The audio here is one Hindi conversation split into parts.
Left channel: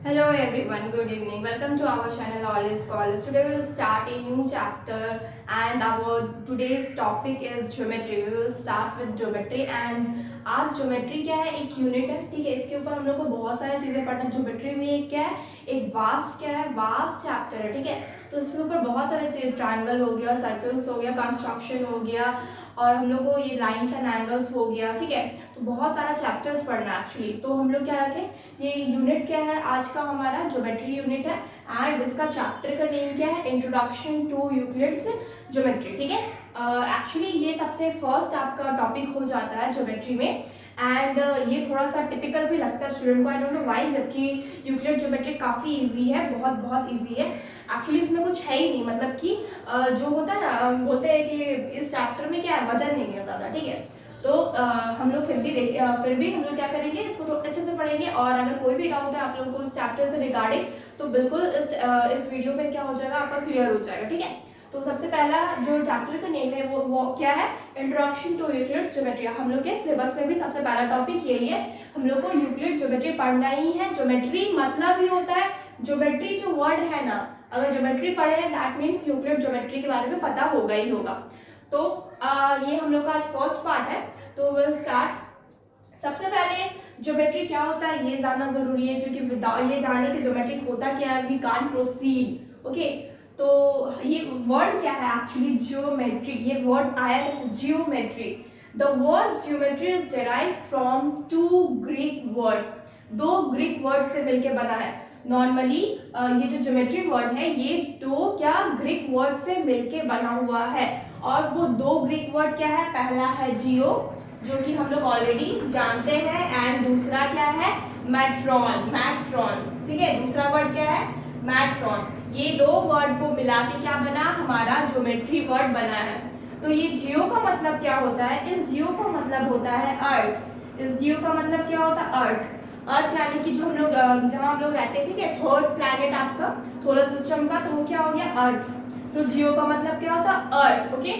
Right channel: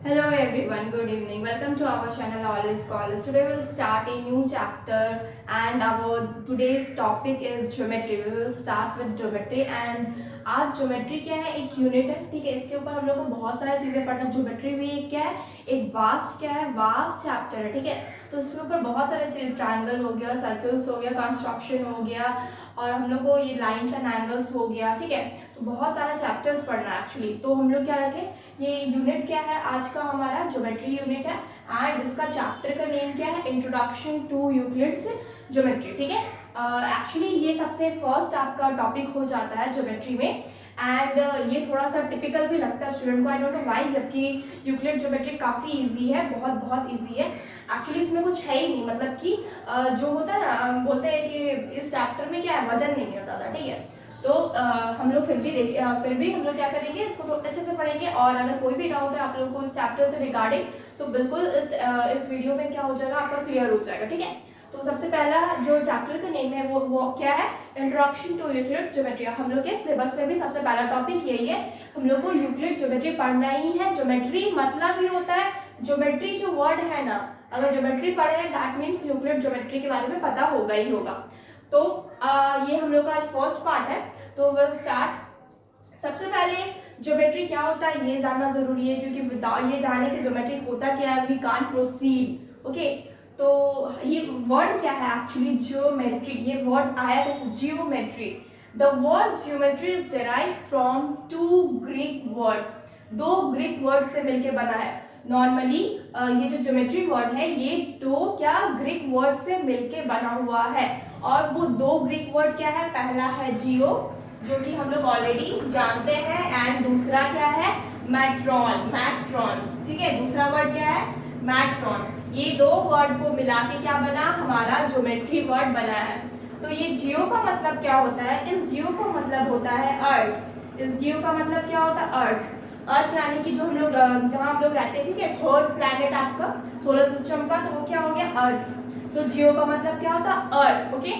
Hello everyone, good evening. Welcome to our channel All is Scholars. Today we will start a new chapter and our today's topic is geometry. We will start with geometry and आज ज्योमेट्री क्या है, एक यूनिट है, ठीक है। इसके ऊपर हम लोग को बहुत सारी चीजें पढ़ना। ज्योमेट्री भी एक क्या है, एक वास्ट क्या है, वास्ट चैप्टर है, ठीक है। तो इसके ऊपर बहुत सारे चीज, ट्राइंगल हो गया, सर्कल्स हो गया, कंस्ट्रक्शन हो गया और हम लोग को ये लाइंस एंड एंगल्स हो गया, ठीक है। तो बहुत सारा चैप्टर्स पढ़ना है एक्चुअली। तो हम लोग क्या रखें, ये यूनिट क्या है, आज का हमारा ज्योमेट्री यूनिट है एंड इसका चैप्टर का नेम क्या है, इंट्रोडक्शन टू यूक्लिड्स ज्योमेट्री, ठीक है। एक्चुअली ये सबसे फर्स्ट आपका टॉपिक हो जाता है ज्योमेट्री में एंड ये थोड़ा सा टिपिकल भी लगता है स्टूडेंट को, आई डोंट नो व्हाई, जबकि यूक्लिड ज्योमेट्री काफ़ी इजी है, बहुत बहुत इजी है। एक्चुअली इसमें कुछ है ही नहीं, मतलब कि जो होता है ना, बोलते हैं कि इस चैप्टर में क्या है, वजन नहीं है ज़्यादा, ठीक है। तो हम लोग फिर भी हम लोग क्या करेंगे, इसको तो अच्छे से पढ़ेंगे और अगर कोई भी डाउट है आप लोगों को इस चैप्टर से रिगार्डिंग, तो बिल्कुल इस वीडियो में क्या हो जाएगा, आपका क्लियर हो जाएगा, ठीक है। तो सबसे पहला जो चैप्टर का नेम है वो क्या है, इंट्रोडक्शन टू यूक्लिड्स ज्योमेट्री। हम लोग के सिलेबस में भी सबसे पहला टॉपिक यही है, हम लोग को यूक्लिड ज्योमेट्री पढ़ना ही है। ज्योमेट्री मतलब ही होता है, ज्योमेट्री जो वर्ड है ना, अगर ज्योमेट्री पढ़े हैं दैट मीन्स यूक्लिड ज्योमेट्री के बारे में पता होगा ही होगा। तो ये हम लोग का आज फर्स्ट पार्ट है, तो विल स्टार्ट। सबसे पहले ज्योमेट्री क्या होता है ये जानना जरूरी है, क्योंकि विदाउट ये जाने कि ज्योमेट्री होता क्या है वी कांट प्रोसीड, ओके। तो ये वर्ड क्या है एक्चुअली, ज्योमेट्री, ये वर्ड आया कैसे, geometry. The word geometry is derived from two Greek words, दो ग्रीक वर्ड से मिलके बना है। नॉर्मली ये जो ज्योमेट्री वर्ड है ये दो क्या ग्रीक वर्ड से मिलके बना हुआ है, और वो दो ग्रीक वर्ड क्या है, पहला है जियो जो कि हम लोग ऑलरेडी जानते हैं एंड दूसरा क्या है, मैट्रॉन, ठीक है। दूसरा वर्ड क्या है, मैट्रॉन। ये दो वर्ड को मिला के क्या बना, हमारा ज्योमेट्री वर्ड बना है। तो ये जियो का मतलब क्या होता है, इस जियो का मतलब होता है अर्थ। इस जियो का मतलब क्या होता है, अर्थ यानी कि जो हम लोग जहाँ हम लोग रहते हैं, ठीक है, थर्ड प्लैनेट आपका सोलर सिस्टम का, तो वो क्या हो गया, अर्थ। तो जियो का मतलब क्या होता है, अर्थ, ओके।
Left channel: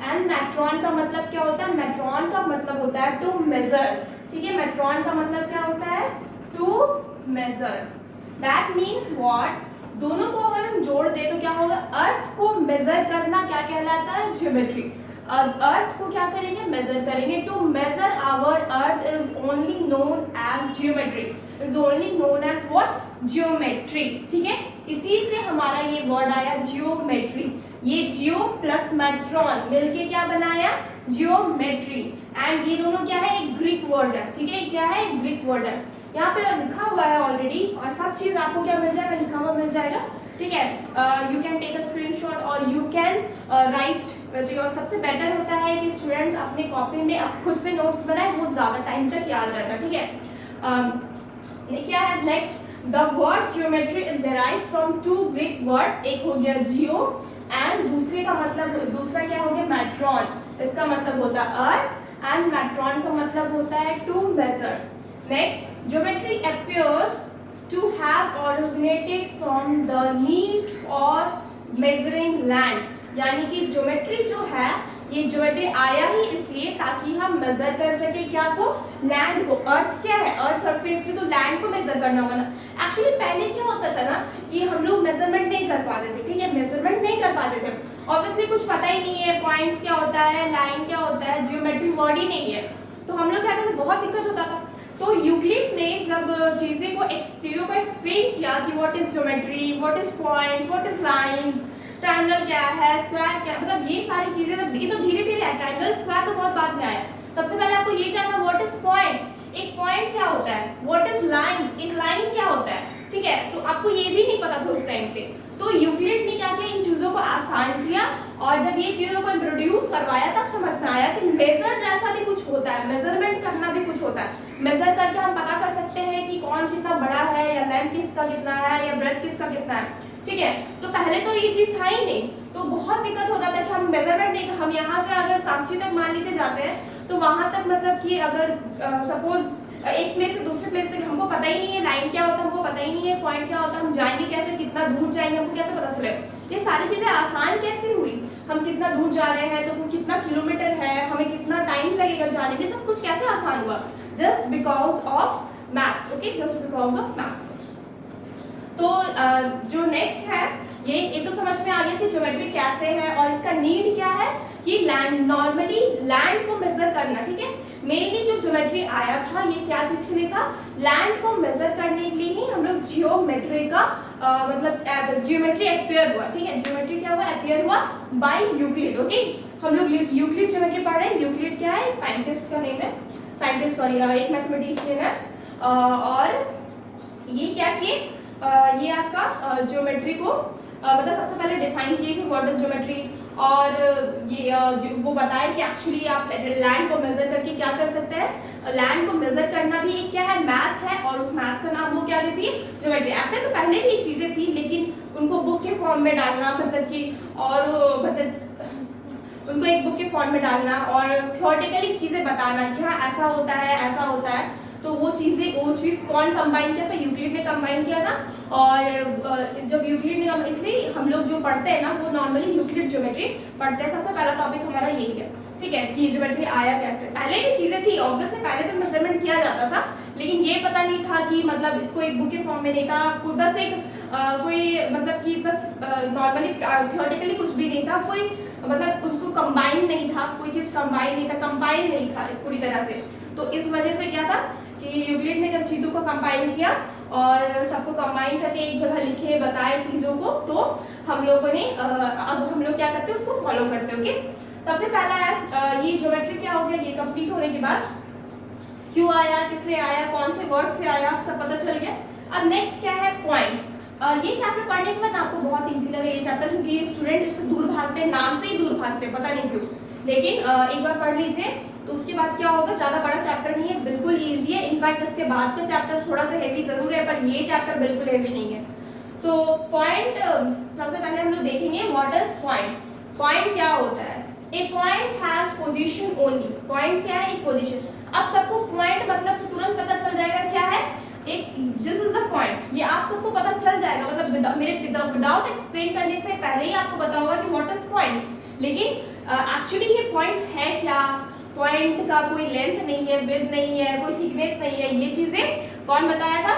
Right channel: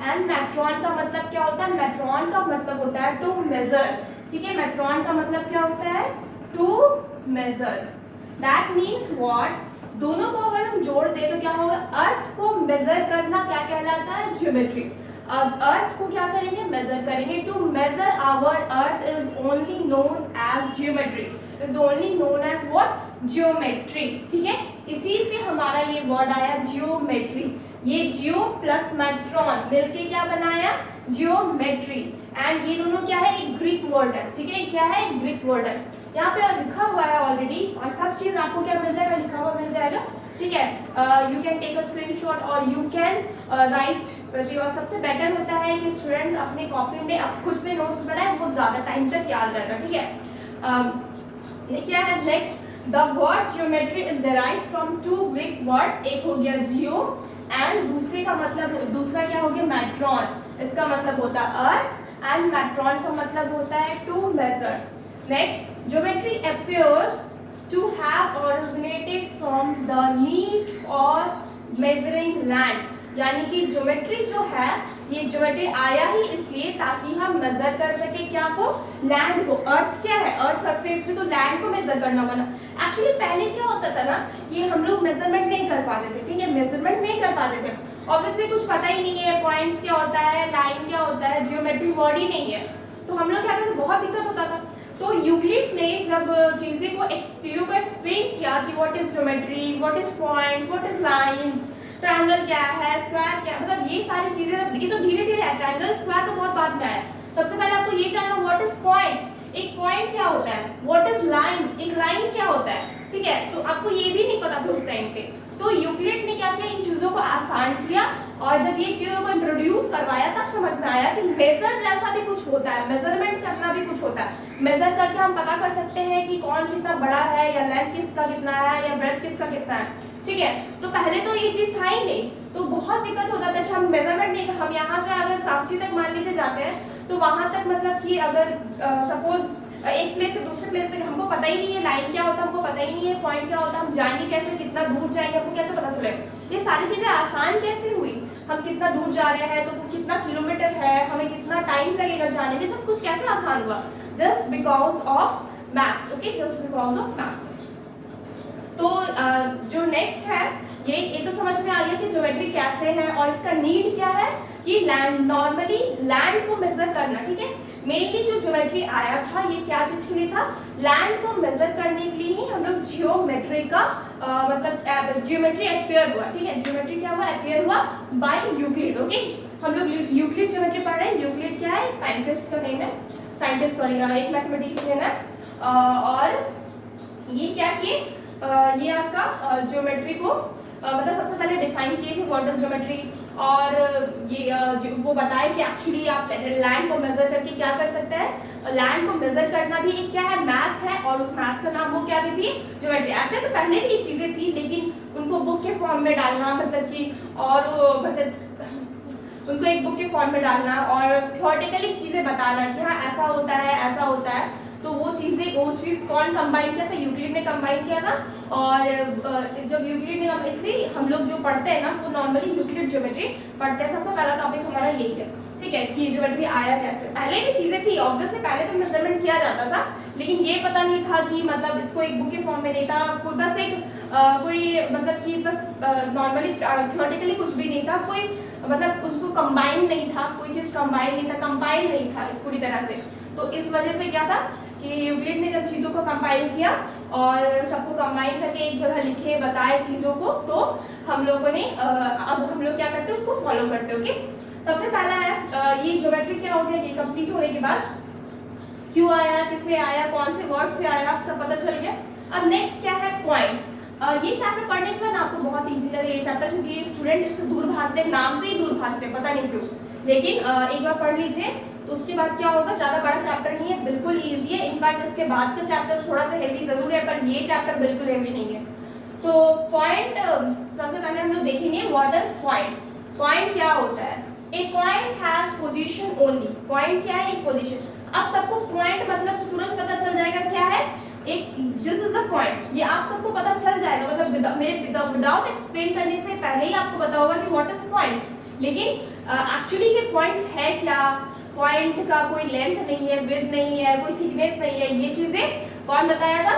एंड मैट्रॉन का मतलब क्या होता है, मैट्रॉन का मतलब होता है टू मेजर, ठीक है। मैट्रॉन का मतलब क्या होता है, to measure. That means what, दोनों को अगर हम जोड़ दे तो क्या होगा, अर्थ को मेजर करना क्या कहलाता है, ज्योमेट्री। अर्थ को क्या करेंगे, मेजर करेंगे। To measure our earth is only known as geometry, is only known as what, geometry, ठीक है। इसी से हमारा ये वर्ड आया ज्योमेट्री। ये जियो प्लस मैट्रॉन मिलके क्या बनाया, जियोमेट्री। एंड ये दोनों क्या है, एक ग्रीक वर्ड है, ठीक है। क्या है, एक ग्रीक वर्ड है। यहाँ पे लिखा हुआ है ऑलरेडी और सब चीज आपको क्या मिल जाएगा, लिखा हुआ मिल जाएगा, ठीक है। You can take a screenshot और यू कैन राइट। और सबसे बेटर होता है कि स्टूडेंट्स अपने कॉपी में अब खुद से नोट्स बनाए, बहुत ज्यादा टाइम तक याद रहता है, ठीक है। क्या है next, the word geometry is derived from two Greek word, एक हो गया जियो एंड दूसरे का मतलब, दूसरा क्या हो गया, मैट्रॉन। इसका मतलब होता है अर्थ एंड मैट्रॉन का मतलब होता है to measure. Next, geometry appears to have originated from the need for measuring land, यानी कि ज्योमेट्री जो है, ये ज्योमेट्री आया ही इसलिए ताकि हम मेजर कर सके क्या को, लैंड को। अर्थ क्या है, अर्थ सरफेस में, तो लैंड को मेजर करना बना। एक्चुअली पहले क्या होता था ना कि हम लोग मेजरमेंट नहीं कर पाते थे, ठीक है, मेजरमेंट नहीं कर पाते थे, ऑब्वियसली कुछ पता ही नहीं है, पॉइंट्स क्या होता है, लाइन क्या होता है, जियोमेट्री वर्ड ही नहीं है, तो हम लोग क्या करते, बहुत दिक्कत होता था। तो यूक्लिड ने जब चीजें को एक्सप्लेन किया कि what is geometry, what is points, what his lines, triangle क्या है, स्क्वायर क्या है, मतलब ये सारी चीजें, ये तो धीरे धीरे है, ट्रायंगल स्क्वायर तो बहुत बाद में आया। सबसे पहले आपको ये जानना व्हाट इज पॉइंट, एक पॉइंट क्या होता है, व्हाट इज लाइन, एक लाइन क्या होता है, ठीक है। तो आपको ये भी नहीं पता था उस टाइम पे, तो यूक्लिड ने क्या किया, इन चीजों को आसान किया और जब ये चीजों को इंट्रोड्यूस करवाया तब समझ में आया कि मेजर जैसा भी कुछ होता है, मेजरमेंट करना भी कुछ होता है। मेजर करके हम पता कर सकते हैं कि कौन कितना बड़ा है, या लेंथ किसका कितना है, या ब्रेथ किसका कितना है, ठीक है। तो पहले तो ये चीज था ही नहीं, तो बहुत दिक्कत हो जाता है कि हम मेजरमेंट नहीं, हम यहाँ से अगर सांची तक मान लीजिए जाते हैं तो वहां तक मतलब कि अगर सपोज एक प्लेस से दूसरे प्लेस तक हमको पता ही नहीं है, लाइन क्या होता है हमको पता ही नहीं है, पॉइंट क्या होता है, हम जाएंगे कैसे, कितना दूर जाएंगे हमको कैसे पता चलेगा। ये सारी चीजें आसान कैसे हुई, हम कितना दूर जा रहे हैं, तो कितना किलोमीटर है, हमें कितना टाइम लगेगा जाने में, सब कुछ कैसे आसान हुआ, just because of maths, okay, just because of maths. तो जो नेक्स्ट है ये तो समझ में आ गया कि ज्योमेट्री कैसे है और इसका नीड क्या है कि लैंड, नॉर्मली लैंड को मेजर करना, ठीक है। मेनली जो ज्योमेट्री आया था ये क्या चीज के लिए था, लैंड को मेजर करने के लिए ही हम लोग जियोमेट्री का मतलब जियोमेट्री एक्वायर हुआ, ठीक है। जियोमेट्री क्या हुआ, एक्वायर हुआ बाय यूक्लिड, ओके। हम लोग यूक्लिड ज्योमेट्री पढ़ रहे हैं। यूक्लिड क्या है, साइंटिस्ट का नेम है, साइंटिस्ट सॉरी एक मैथमेटिशियन है। और ये क्या किए, ये आपका ज्योमेट्री को मतलब सबसे पहले डिफाइन किए थे व्हाट इज ज्योमेट्री, और ये वो बताया कि एक्चुअली आप लैंड को मेजर करके क्या कर सकते हैं, लैंड को मेजर करना भी एक क्या है, मैथ है, और उस मैथ का नाम वो क्या देती है, ज्योमेट्री। ऐसे तो पहले भी चीजें थी लेकिन उनको बुक के फॉर्म में डालना मतलब कि, और मतलब उनको एक बुक के फॉर्म में डालना और थियोरेटिकली चीजें बताना कि हाँ ऐसा होता है ऐसा होता है, तो वो चीज कौन कंबाइन किया था, यूक्लिड ने कंबाइन किया था। और जब यूक्लिड ने, इसलिए हम लोग जो पढ़ते हैं ना वो नॉर्मली यूक्लिड ज्योमेट्री पढ़ते हैं। सबसे पहला टॉपिक हमारा यही है, ठीक है, कि ज्योमेट्री आया कैसे। पहले भी चीजें थी ऑब्वियसली, पहले भी मेजरमेंट किया जाता था, लेकिन ये पता नहीं था कि मतलब इसको एक बुक के फॉर्म में नहीं था, कोई बस एक कोई मतलब कि बस नॉर्मली थियोरेटिकली कुछ भी नहीं था, कोई मतलब उसको कंबाइन नहीं था, कोई चीज कंबाइन नहीं था, कंपाइल नहीं था पूरी तरह से। तो इस वजह से क्या था कि यूक्लिड ने जब चीजों को कंपाइल किया और सबको कंबाइन करके एक जगह लिखे बताए चीजों को, तो हम लोगों ने अब हम लोग क्या करते हैं उसको फॉलो करते हैं, ओके। सबसे पहला है ये ज्योमेट्री क्या हो गया, ये कंप्लीट होने के बाद क्यों आया, किस लिए आया, कौन से वर्ड से आया, सब पता चल गया। अब नेक्स्ट क्या है, पॉइंट। ये चैप्टर पढ़ने के बाद आपको बहुत इजी लगे ये चैप्टर, क्योंकि स्टूडेंट इससे दूर भागते हैं, नाम से ही दूर भागते हैं, पता नहीं क्यों। लेकिन एक बार पढ़ लीजिए तो उसके बाद क्या होगा, ज्यादा बड़ा चैप्टर नहीं है, बिल्कुल इजी है। इनफैक्ट इसके बाद का चैप्टर थोड़ा सा हेवी जरूर है, पर ये चैप्टर बिल्कुल हेवी नहीं है। तो पॉइंट सबसे पहले हम लोग देखेंगे व्हाट इज पॉइंट। पॉइंट क्या होता है, a point has position only. Point क्या है, एक पोजीशन। अब सबको पॉइंट मतलब तुरंत पता चल जाएगा क्या है, एक दिस इज द पॉइंट, ये आप सबको पता चल जाएगा, मतलब मेरे विदाउट एक्सप्लेन करने से पहले ही आपको पता होगा कि व्हाट इज पॉइंट। लेकिन एक्चुअली ये पॉइंट है क्या, पॉइंट का कोई लेंथ नहीं है, विड्थ नहीं है, कोई थिकनेस नहीं है, ये चीजें कौन बताया था,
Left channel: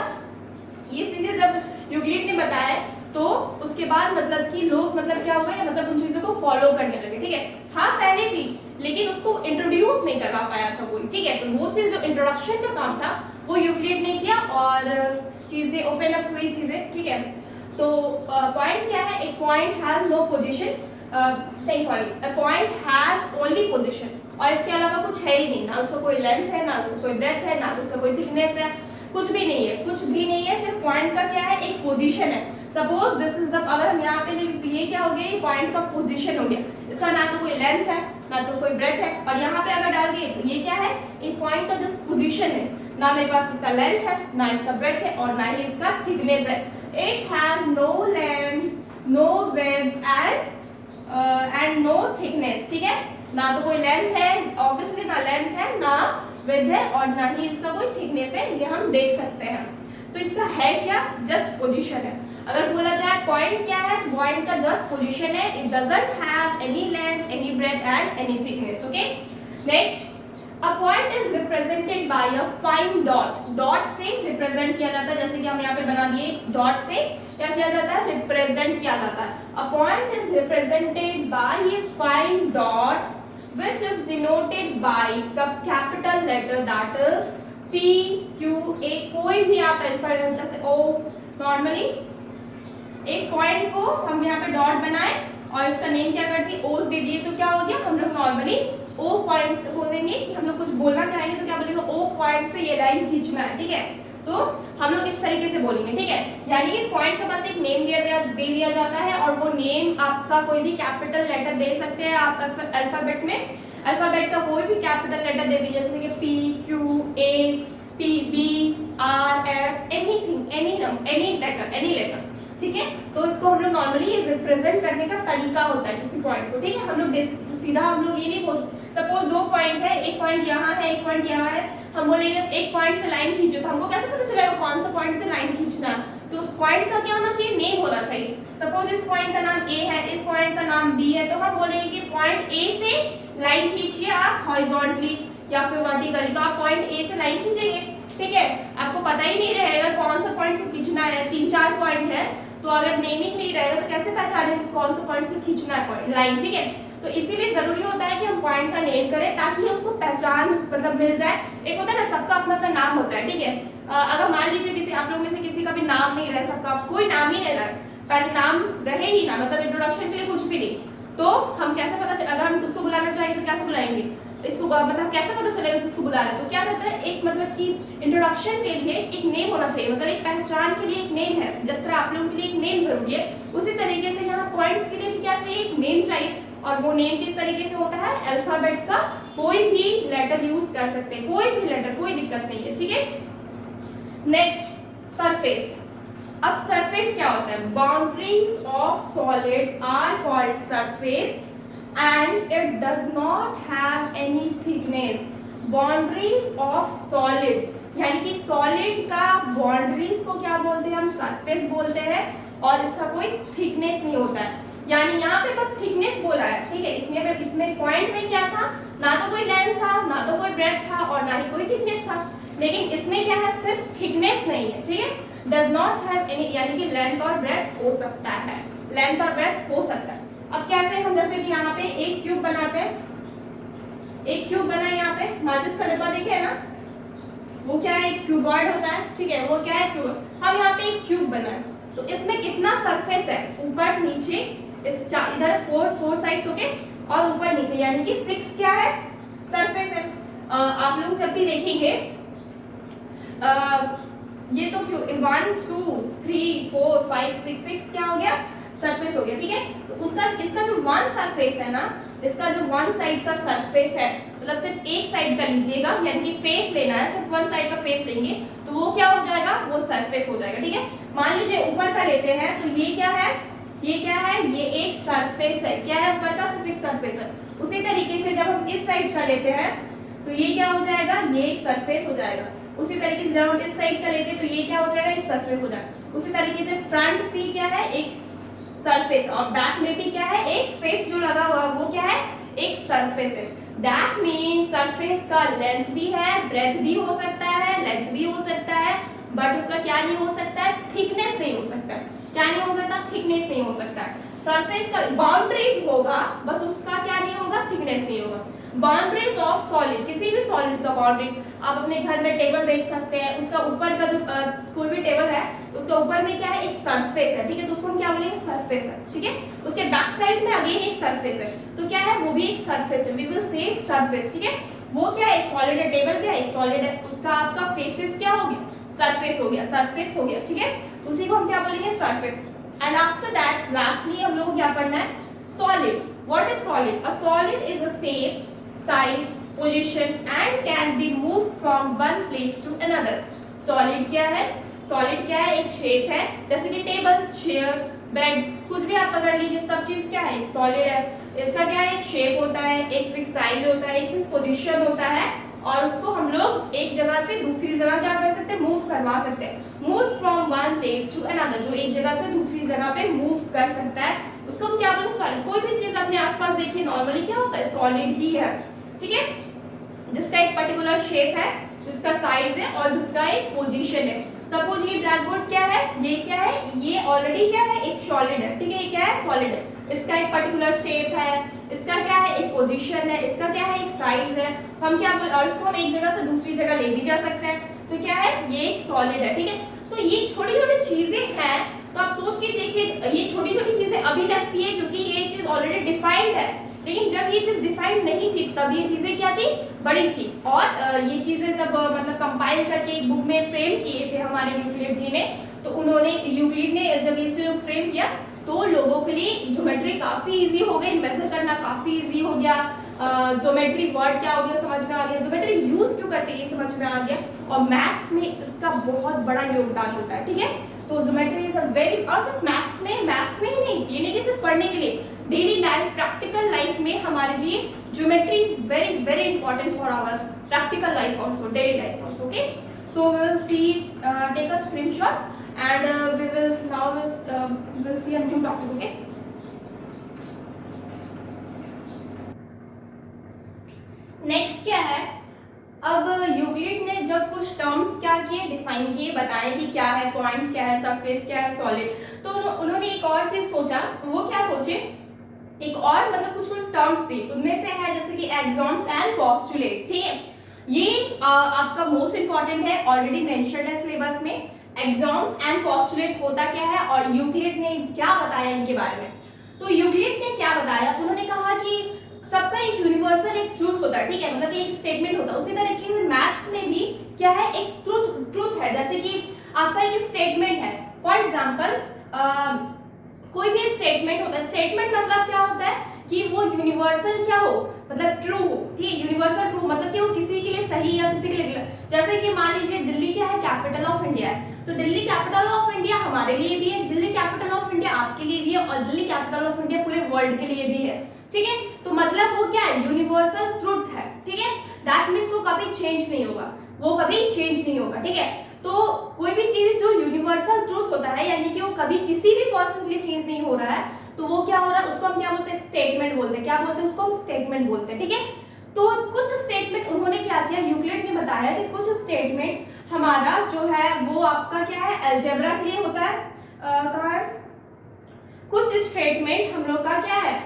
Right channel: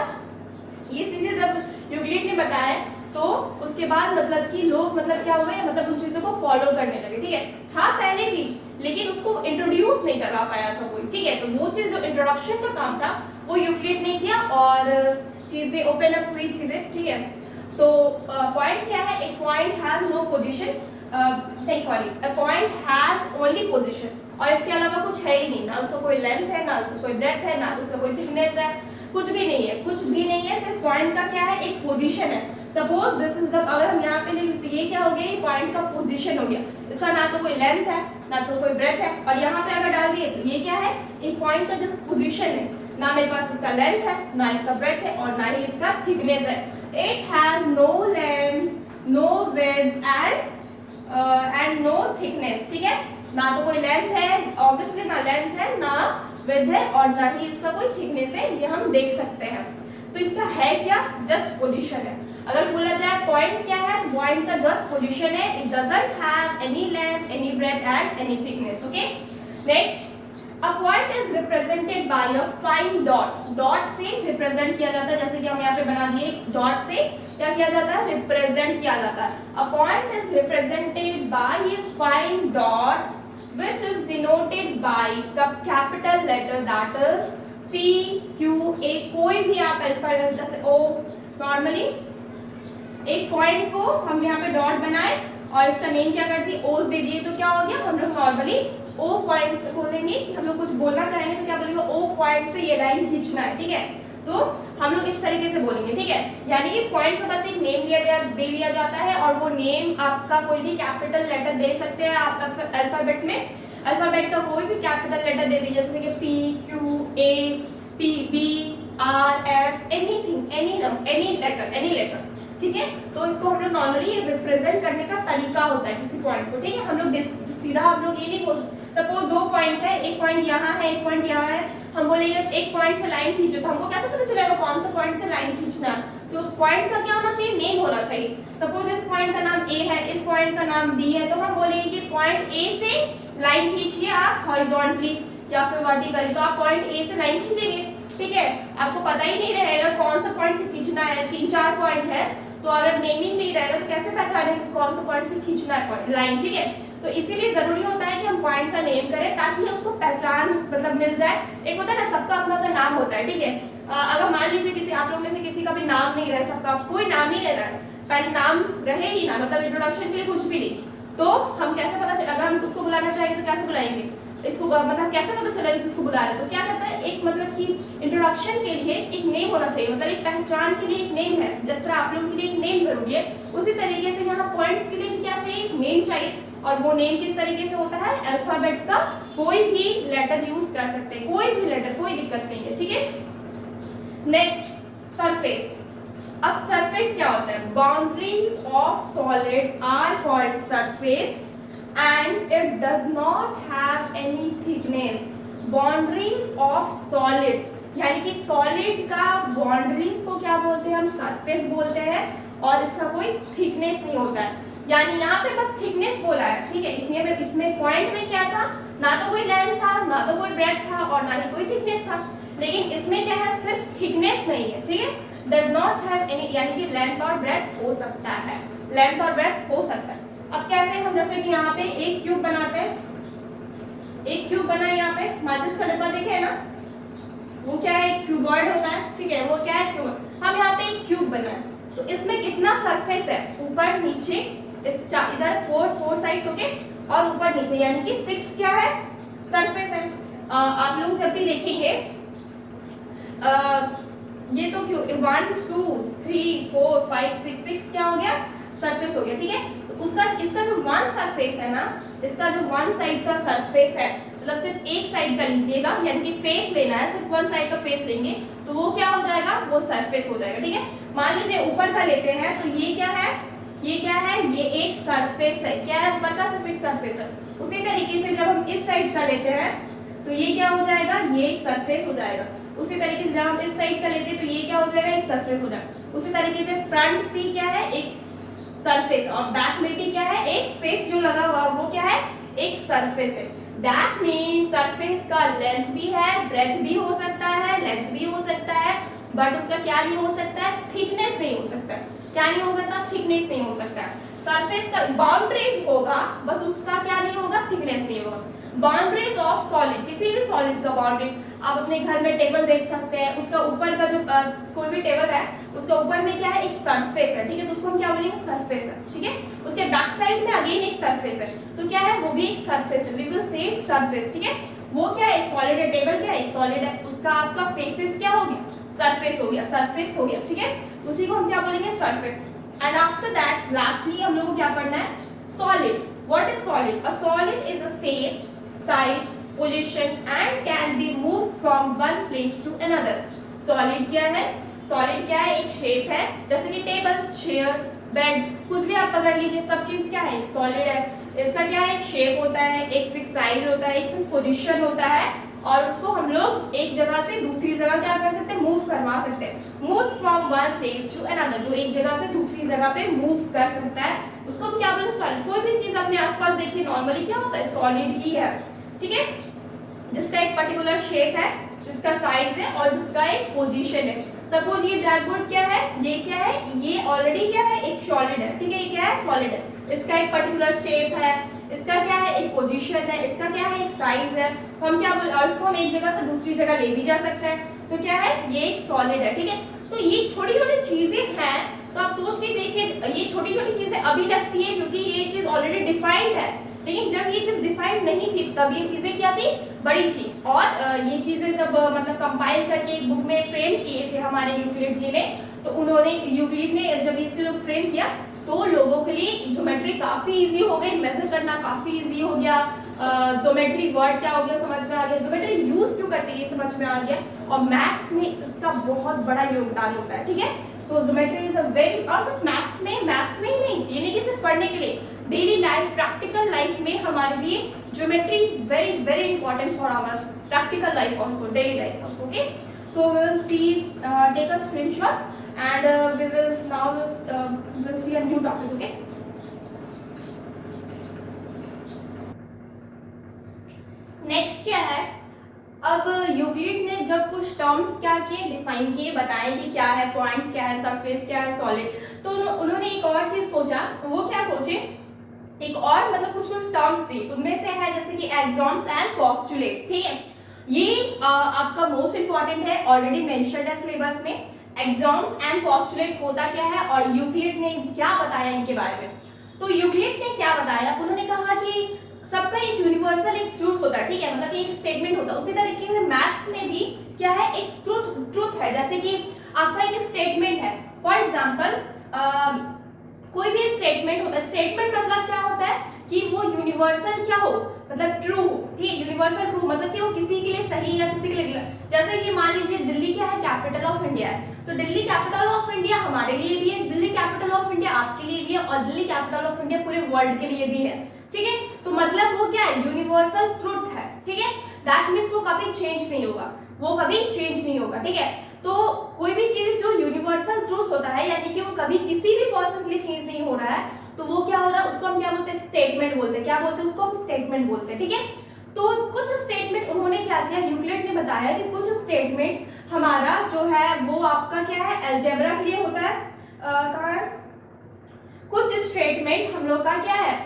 ये चीजें जब यूक्लिड ने बताया तो उसके बाद मतलब कि लोग मतलब क्या हुए, मतलब उन चीजों को फॉलो करने लगे, ठीक है। हाँ पहले भी, लेकिन उसको इंट्रोड्यूस नहीं करवा पाया था कोई, ठीक है। तो वो चीज जो इंट्रोडक्शन का काम था वो यूक्लिड ने किया और चीजें ओपन अप हुई चीजें, ठीक है। तो पॉइंट क्या है, एक पॉइंट हैज नो पोजीशन, नहीं sorry, a point has only position, और इसके अलावा कुछ है ही नहीं, ना उसका कोई लेंथ है, ना उसका कोई ब्रेथ है, ना उसका कोई थिकनेस है, कुछ भी नहीं है, कुछ भी नहीं है। सिर्फ पॉइंट का क्या है, एक पोजीशन है। सपोज दिस इज द, अगर हम यहाँ पे ये क्या हो गया, ये पॉइंट का पोजीशन हो गया, इसका ना तो कोई लेंथ है ना तो कोई ब्रेथ है, और यहाँ पे अगर डाल दिए तो ये क्या है, एक पॉइंट का जस्ट पोजीशन है, ना मेरे पास इसका लेंथ है, ना इसका ब्रेथ है, और ना ही इसका थिकनेस है। It has no length, no width and no thickness, ठीक है। ना तो कोई लेंथ है ऑब्वियसली, ना लेंथ है, ना विड्थ है, और ना ही इसका कोई थिकनेस है, ये हम देख सकते हैं। तो इसका है क्या, जस्ट पोजीशन है। अगर बोला जाए पॉइंट क्या है, तो पॉइंट का जस्ट पोजीशन है, it doesn't have any length, any breadth and any thickness, okay. Next, a point is represented by a fine dot. Dot से रिप्रेजेंट किया जाता है, जैसे कि हम यहाँ पे बना दिए, डॉट से क्या किया जाता है, रिप्रेजेंट किया जाता है। अ point is represented bye a fine dot which is denoted by the capital letter that is P, Q, A, कोई भी आप अल्फाबेट जैसे O, नॉर्मली एक पॉइंट को हम यहाँ पे डॉट बनाए और इसका नेम क्या कर दिए, O दे दिए, तो क्या हो गया, हम लोग नॉर्मली O पॉइंट से बोलेंगे कि हम लोग कुछ बोलना चाहेंगे तो क्या बोलेंगे, O पॉइंट से ये लाइन खींचना है, ठीक है। तो हम लोग इस तरीके से बोलेंगे, ठीक है। यानी कि पॉइंट का बस एक नेम दे दिया जाता है, और वो नेम आपका कोई भी कैपिटल लेटर दे सकते हैं आप अल्फाबेट में। अल्फाबेट का कोई भी कैपिटल लेटर दे दीजिए, जैसे कि P, Q, A, P, B, R, S, anything, any letter, ठीक है। तो इसको हम लोग नॉर्मली ये रिप्रेजेंट करने का तरीका होता है किसी पॉइंट को, ठीक है। हम लोग सीधा हम लोग ये नहीं बोल, सपोज दो पॉइंट है, एक पॉइंट यहाँ है, एक पॉइंट यहाँ है, हम बोलेंगे एक पॉइंट से लाइन खींचो, तो हमको कैसे पता चलेगा कौन सा पॉइंट से लाइन खींचना है। तो पॉइंट का क्या होना चाहिए, नेम होना चाहिए। सपोज इस पॉइंट का नाम A है, इस पॉइंट का नाम B है, तो हम बोलेंगे कि पॉइंट A से लाइन खींचिए आप हॉरिजॉन्टली या फिर वर्टिकली, तो आप पॉइंट A से लाइन खींचेंगे, ठीक है। आपको आपको पता ही नहीं रहेगा कौन सा पॉइंट से खींचना है, 3-4 पॉइंट है, तो अगर नेमिंग नहीं रहेगा तो कैसे पहचाने कौन सा पॉइंट से खींचना है पॉइंट लाइन, ठीक है। तो इसीलिए जरूरी होता है कि हम पॉइंट का नेम करें ताकि उसको पहचान मतलब मिल जाए। एक होता है ना, सबका अपना अपना नाम होता है, ठीक है। अगर मान लीजिए किसी आप लोग में से किसी का भी नाम नहीं रहे, सबका कोई नाम ही नहीं रहा है, पहले नाम रहे ही ना, मतलब इंट्रोडक्शन के लिए कुछ भी नहीं, तो हम कैसे पता चले, अगर हम उसको बुलाना चाहेंगे तो कैसे बुलाएंगे इसको, मतलब कैसे पता चलेगा कि उसको बुला रहे हैं। तो क्या कहता है, एक मतलब कि इंट्रोडक्शन के लिए एक नेम होना चाहिए, मतलब एक पहचान के लिए एक नेम है। जिस तरह आप लोगों के लिए एक नेम जरूरी है, उसी तरीके से यहाँ पॉइंट्स के लिए भी क्या चाहिए, एक नेम चाहिए। और वो नेम किस तरीके से होता है, अल्फाबेट का कोई भी लेटर यूज कर सकते हैं, कोई भी लेटर, कोई दिक्कत नहीं है, ठीक है। Next, surface. अब सरफेस क्या होता है, boundaries of solid are called surface and it does not have any thickness. Boundaries of solid, यानी कि सॉलिड का बाउंड्रीज को क्या बोलते हैं, हम सरफेस बोलते हैं, और इसका कोई थिकनेस नहीं होता है। यानी यहाँ पे बस थिकनेस बोला है, ठीक है। इसमें पॉइंट में क्या था, ना तो कोई लेंथ था, ना तो कोई ब्रेथ था, और ना ही कोई थिकनेस था। लेकिन इसमें क्या है, सिर्फ थिकनेस नहीं है, ठीक है। डज नॉट हैव एनी, यानी कि लेंथ और ब्रेथ हो सकता है, लेंथ और ब्रेथ हो सकता है। अब कैसे, हम जैसे कि यहाँ पे एक क्यूब बनाते हैं, एक क्यूब बना है, यहाँ पे माचिस का डिब्बा देखे है ना, वो क्या है, एक क्यूबॉइड होता है, ठीक है, वो क्या है, क्यूब। हम यहाँ पे एक क्यूब बना है, तो इसमें कितना सरफेस है, ऊपर नीचे, इस इधर फोर साइड होके, और ऊपर नीचे, यानी कि 6 क्या है, सरफेस है। आप लोग जब भी देखेंगे ये तो क्यों 1 2 3 4 5 6 क्या हो गया, सरफेस हो गया, ठीक है। तो उसका इसका जो वन सरफेस है ना, इसका जो वन साइड का सरफेस है, मतलब सिर्फ एक साइड का लीजिएगा, यानी कि फेस लेना है, सिर्फ वन साइड का फेस लेंगे तो वो क्या हो जाएगा, वो सरफेस हो जाएगा, ठीक है। मान लीजिए ऊपर का लेते हैं, तो ये क्या है, ये क्या है, ये एक सरफेस है, क्या है, ऊपर का सिर्फ एक सरफेस है। उसी तरीके से जब हम इस साइड का लेते हैं तो ये क्या हो जाएगा, ये एक सरफेस हो जाएगा। उसी तरीके से जब हम इस साइड का लेते हैं तो ये क्या हो जाएगा, एक सरफेस हो जाएगा। उसी तरीके से फ्रंट भी क्या है, एक सरफेस, और बैक में भी क्या है, एक फेस जो लगा हुआ वो क्या है, एक सरफेस है। दैट मीन्स सरफेस का लेंथ भी है, ब्रेथ भी हो सकता है, लेंथ भी हो सकता है, बट उसका क्या नहीं हो सकता है, थिकनेस नहीं हो सकता है। क्या नहीं हो सकता, थिकनेस नहीं हो सकता है। सरफेस का बाउंड्रीज होगा, बस उसका क्या नहीं होगा, थिकनेस नहीं होगा। बाउंड्रीज ऑफ सॉलिड, किसी भी सॉलिड का बाउंड्री, आप अपने घर में टेबल देख सकते हैं, उसका ऊपर का जो कोई भी टेबल है, उसका ऊपर में क्या है, एक सरफेस है, ठीक है, तो उसको हम क्या बोलेंगे, सरफेस है, ठीक है। उसके बैक साइड में अगेन एक सरफेस है, तो क्या है, वो भी एक सरफेस है, वी विल से सरफेस, ठीक है। वो क्या है, एक सॉलिड है, टेबल क्या है, एक सॉलिड है, उसका आपका फेसेस क्या हो गया, सरफेस हो गया, सरफेस हो गया, ठीक है। उसी को हम क्या बोलेंगे, surface. And after that lastly हम लोग को क्या पढ़ना है, solid. What is solid, a solid is a shape, size, position and can be moved from one place to another. Solid क्या है, सॉलिड क्या है, एक शेप है, जैसे कि टेबल, चेयर, बेड, कुछ भी आप पकड़ लीजिए, सब चीज क्या है, सॉलिड है। इसका क्या है, एक शेप होता है, एक फिक्स साइज होता है, एक फिक्स पोजीशन होता है, और उसको हम लोग एक जगह से दूसरी जगह क्या कर सकते हैं, मूव करवा सकते हैं। Move from one place to another, जो एक जगह से दूसरी जगह पे मूव कर सकता है, उसको हम क्या बोलेंगे, सॉलिड। कोई भी चीज अपने आसपास देखिए, नॉर्मली क्या होता है, सॉलिड ही है, ठीक है। जिसका एक पर्टिकुलर शेप है, जिसका साइज है, और जिसका एक पोजीशन है। सपोज ये ब्लैक बोर्ड क्या है, ये क्या है, ये ऑलरेडी क्या है, एक सॉलिड है, ठीक है, ये क्या है, सॉलिड है। इसका एक पर्टिकुलर शेप है, इसका क्या है, एक पोजीशन है, इसका क्या है, एक साइज है। हम क्या बोल, और इसको हम एक जगह से दूसरी जगह ले भी जा सकते हैं, तो क्या है, ये एक सॉलिड है, ठीक है। तो ये छोटी छोटी चीजें हैं, तो आप सोच के देखिए, ये छोटी छोटी चीजें अभी लगती है क्योंकि ये चीज ऑलरेडी डिफाइंड है, लेकिन जब ये चीज डिफाइंड नहीं थी तब ये चीजें क्या थी, बड़ी थी। और ये चीजें जब मतलब कंपाइल करके एक बुक में फ्रेम किए थे हमारे यूक्लिड जी ने, तो उन्होंने, यूक्लिड ने जब इसे फ्रेम किया तो लोगों के लिए ज्योमेट्री काफी इजी हो गई, मेजर करना काफी इजी हो गया, ज्योमेट्री वर्ड क्या हो गया समझ में आ गया, ज्योमेट्री यूज क्यों करते हैं ये समझ में आ गया, और मैथ्स में इसका बहुत बड़ा योगदान होता है, ठीक है। तो ज्योमेट्री इज अ वेरी, और सिर्फ मैथ्स में ही नहीं, ये नहीं कि सिर्फ पढ़ने के लिए, डेली लाइफ, प्रैक्टिकल लाइफ में हमारे लिए geometry is very very important for our practical life also, daily life also, okay. So we will see, take a screenshot and we will now we'll see a new topic, okay. Next क्या है, अब यूक्लिड ने जब कुछ टर्म्स क्या किए, डिफाइन किए, बताए कि क्या है पॉइंट्स, क्या है सरफेस, क्या है सॉलिड, तो उन्होंने एक और चीज सोचा। वो क्या सोचे, एक और मतलब कुछ टर्म्स थी, उनमें से है जैसे कि एक्सॉम्स एंड पोस्टुलेट। ठीक है, ये आपका मोस्ट इंपॉर्टेंट है, ऑलरेडी मेंशन्ड है सिलेबस में। एक्सॉम्स एंड पोस्टुलेट होता क्या है और यूक्लिड ने क्या बताया इनके बारे में। तो यूक्लिड ने क्या बताया, उन्होंने कहा कि सबका एक यूनिवर्सल एक ट्रूथ होता है। ठीक है, मतलब एक स्टेटमेंट होता है। उसी तरीके से मैथ्स में भी क्या है, एक ट्रूथ है। जैसे कि आपका एक स्टेटमेंट है, फॉर एग्जांपल कोई भी स्टेटमेंट होता है। स्टेटमेंट मतलब क्या होता है कि वो यूनिवर्सल क्या हो, मतलब ट्रू हो। ठीक है, यूनिवर्सल ट्रू मतलब कि वो किसी के लिए सही या किसी के लिए गलत। जैसे कि मान लीजिए दिल्ली क्या है, कैपिटल ऑफ इंडिया है, तो दिल्ली कैपिटल ऑफ इंडिया हमारे लिए भी है, दिल्ली कैपिटल ऑफ इंडिया आपके लिए भी है, और दिल्ली कैपिटल ऑफ इंडिया पूरे वर्ल्ड के लिए भी है। ठीक है, तो मतलब वो क्या है, यूनिवर्सल ट्रूथ है। ठीक है, दैट मीन्स वो कभी चेंज नहीं होगा, वो कभी चेंज नहीं होगा। ठीक है, तो कोई भी चीज जो यूनिवर्सल ट्रूथ होता है, यानी कि वो कभी किसी भी पर्सन के लिए चेंज नहीं हो रहा है, तो वो क्या हो रहा है, उसको हम क्या बोलते हैं, स्टेटमेंट बोलते हैं। क्या बोलते हैं उसको, हम स्टेटमेंट बोलते हैं। ठीक है, तो कुछ स्टेटमेंट उन्होंने क्या किया, यूक्लिड ने बताया कि कुछ स्टेटमेंट हमारा जो है वो आपका क्या है, अलजेब्रा के लिए होता है। कहाँ है, कुछ स्टेटमेंट हम लोग का क्या है,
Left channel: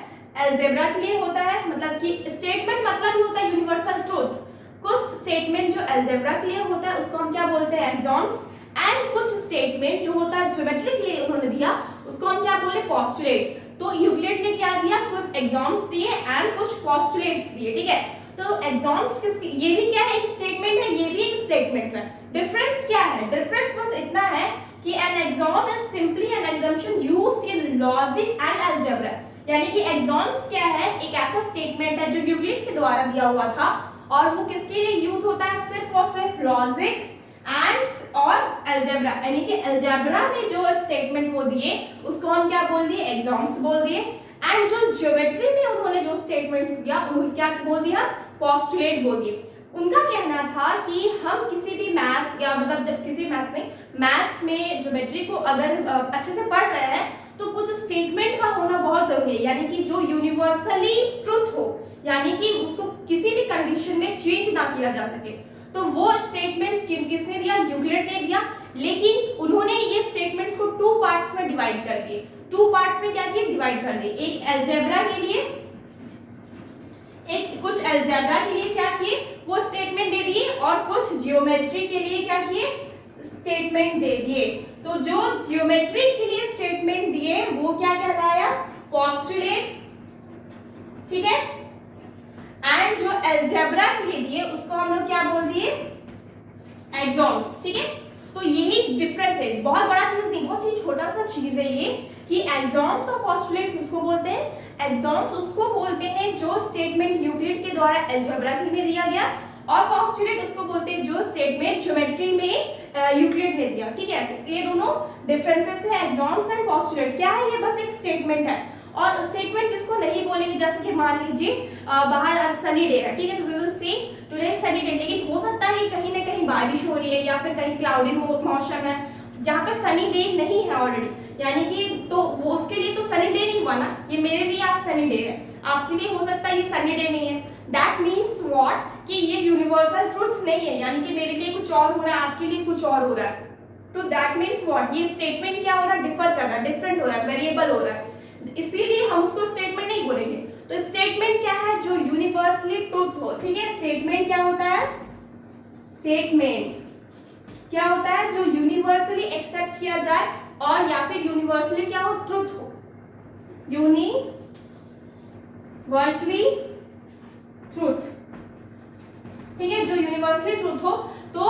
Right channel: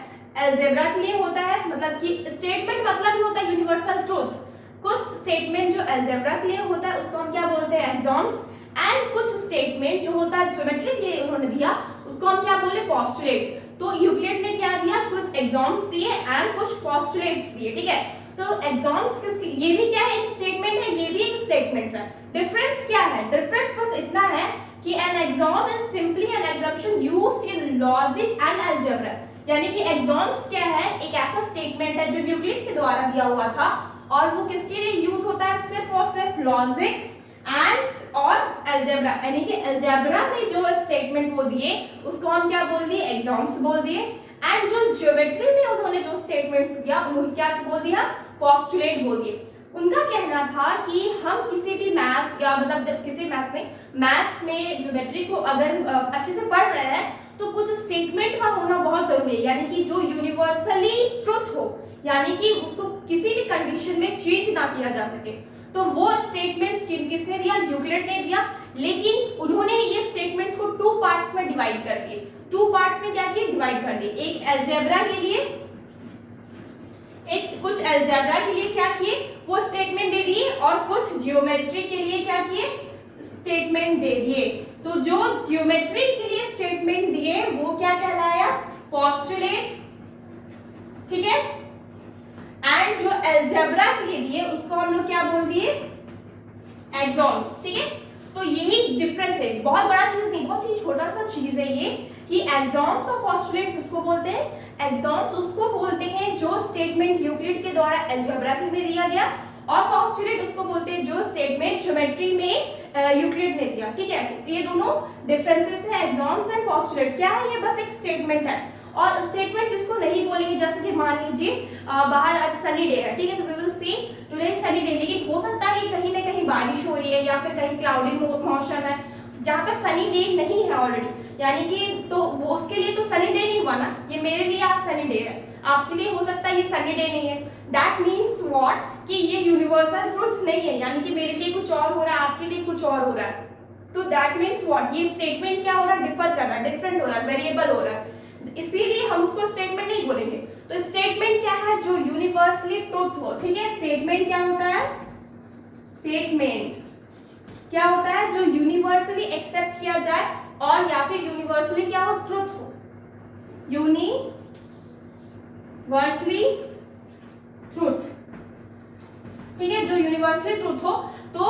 अलजेब्रा के लिए होता है। मतलब कि स्टेटमेंट मतलब ही होता है यूनिवर्सल ट्रूथ। कुछ स्टेटमेंट जो अलजेब्रा के लिए होता है उसको हम क्या बोलते हैं, एक्सॉम्स। एंड कुछ स्टेटमेंट जो होता है ज्योमेट्री के लिए उन्होंने दिया, उसको हम क्या बोले, पोस्टुलेट। तो यूक्लिड ने क्या दिया, कुछ एक्सॉम्स दिए एंड कुछ पोस्टुलेट्स दिए। ठीक है, तो एक्सॉम्स किसकी, ये भी क्या है, एक स्टेटमेंट है, ये भी एक स्टेटमेंट है। डिफरेंस क्या है, डिफरेंस बस इतना है कि an axiom is simply an assumption used in logic and algebra. यानी कि एक्सॉम्स क्या है, एक ऐसा स्टेटमेंट है जो यूक्लिड के द्वारा दिया हुआ था, और वो किसके लिए यूज होता है, सिर्फ और सिर्फ लॉजिक एंड और अलजेब्रा। यानी कि अलजेब्रा में जो स्टेटमेंट वो दिए उसको हम क्या बोल दिए, एक्सॉम्स बोल दिए। एंड जो ज्योमेट्री में उन्होंने जो स्टेटमेंट्स दिया उन्होंने क्या बोल दिया, पोस्टुलेट बोल दिए। उनका कहना था कि हम किसी भी मैथ्स या मतलब जब किसी मैथ्स में ज्योमेट्री को अगर अच्छे से पढ़ रहे हैं तो कुछ स्टेटमेंट का होना बहुत जरूरी है, यानी कि जो यूनिवर्सली ट्रुथ हो, यानी कि उसको किसी भी कंडीशन में चेंज ना किया जा सके। तो वो स्टेटमेंट्स किसने दिया, यूक्लिड ने दिया। लेकिन उन्होंने ये स्टेटमेंट्स को टू पार्ट्स में डिवाइड कर दिए। टू पार्ट्स में क्या किए, डिवाइड कर दिए। एक अलजेब्रा के लिए, एक कुछ अलजेब्रा के लिए क्या किए, वो स्टेटमेंट दे दिए, और कुछ जियोमेट्री के लिए क्या किए, स्टेटमेंट दे दिए। तो जो जियोमेट्री के लिए स्टेटमेंट दिए वो क्या कहलाया, पोस्टुलेट। ठीक है, एंड जो अलजेब्रा के लिए दिए उसको हम लोग क्या बोल दिए, एक्सॉम्स। ठीक है, तो यही डिफरेंस है, बहुत बड़ा चीज नहीं, बहुत ही छोटा सा चीज है ये, कि एक्सॉम्स और पोस्टुलेट किसको बोलते हैं, एक्सॉम्स उसको बोलते हैं जो स्टेटमेंट यूक्लिड के द्वारा अलजेब्रा के में दिया गया, और पोस्टुलेट उसको बोलते हैं जो स्टेटमेंट ज्योमेट्री में यूक्लिड ने दिया। ठीक है, ये दोनों डिफरेंसेस है, एक्सॉम्स एंड पोस्टुलेट। क्या है, ये बस एक स्टेटमेंट है। और स्टेटमेंट किसको नहीं बोलेंगे, जैसे कि मान लीजिए बाहर आज सनी डे है। ठीक है, तो we will see today sunny day, लेकिन हो सकता है कि कहीं ना कहीं बारिश हो रही है या फिर कहीं क्लाउडी मौसम है जहाँ पर सनी डे नहीं है ऑलरेडी, यानी कि तो वो उसके लिए तो सनी डे नहीं हुआ ना, ये मेरे लिए आज सनी डे है, आपके लिए हो सकता है ये सनी डे नहीं है। दैट मीन्स व्हाट, कि ये यूनिवर्सल ट्रूथ नहीं है, यानी कि मेरे लिए कुछ और हो रहा है, आपके लिए कुछ और हो रहा है। तो दैट मीन्स व्हाट, ये स्टेटमेंट क्या हो रहा है, डिफर कर रहा है, डिफरेंट हो रहा है, वेरिएबल हो रहा है, इसीलिए हम उसको स्टेटमेंट नहीं बोलेंगे। तो स्टेटमेंट क्या है, जो यूनिवर्सली ट्रूथ हो। ठीक है, स्टेटमेंट क्या होता है, स्टेटमेंट क्या होता है, जो यूनिवर्सली एक्सेप्ट किया जाए और या फिर यूनिवर्सली क्या हो, ट्रूथ हो, यूनिवर्सली ट्रूथ। ठीक है, जो यूनिवर्सली ट्रूथ हो। तो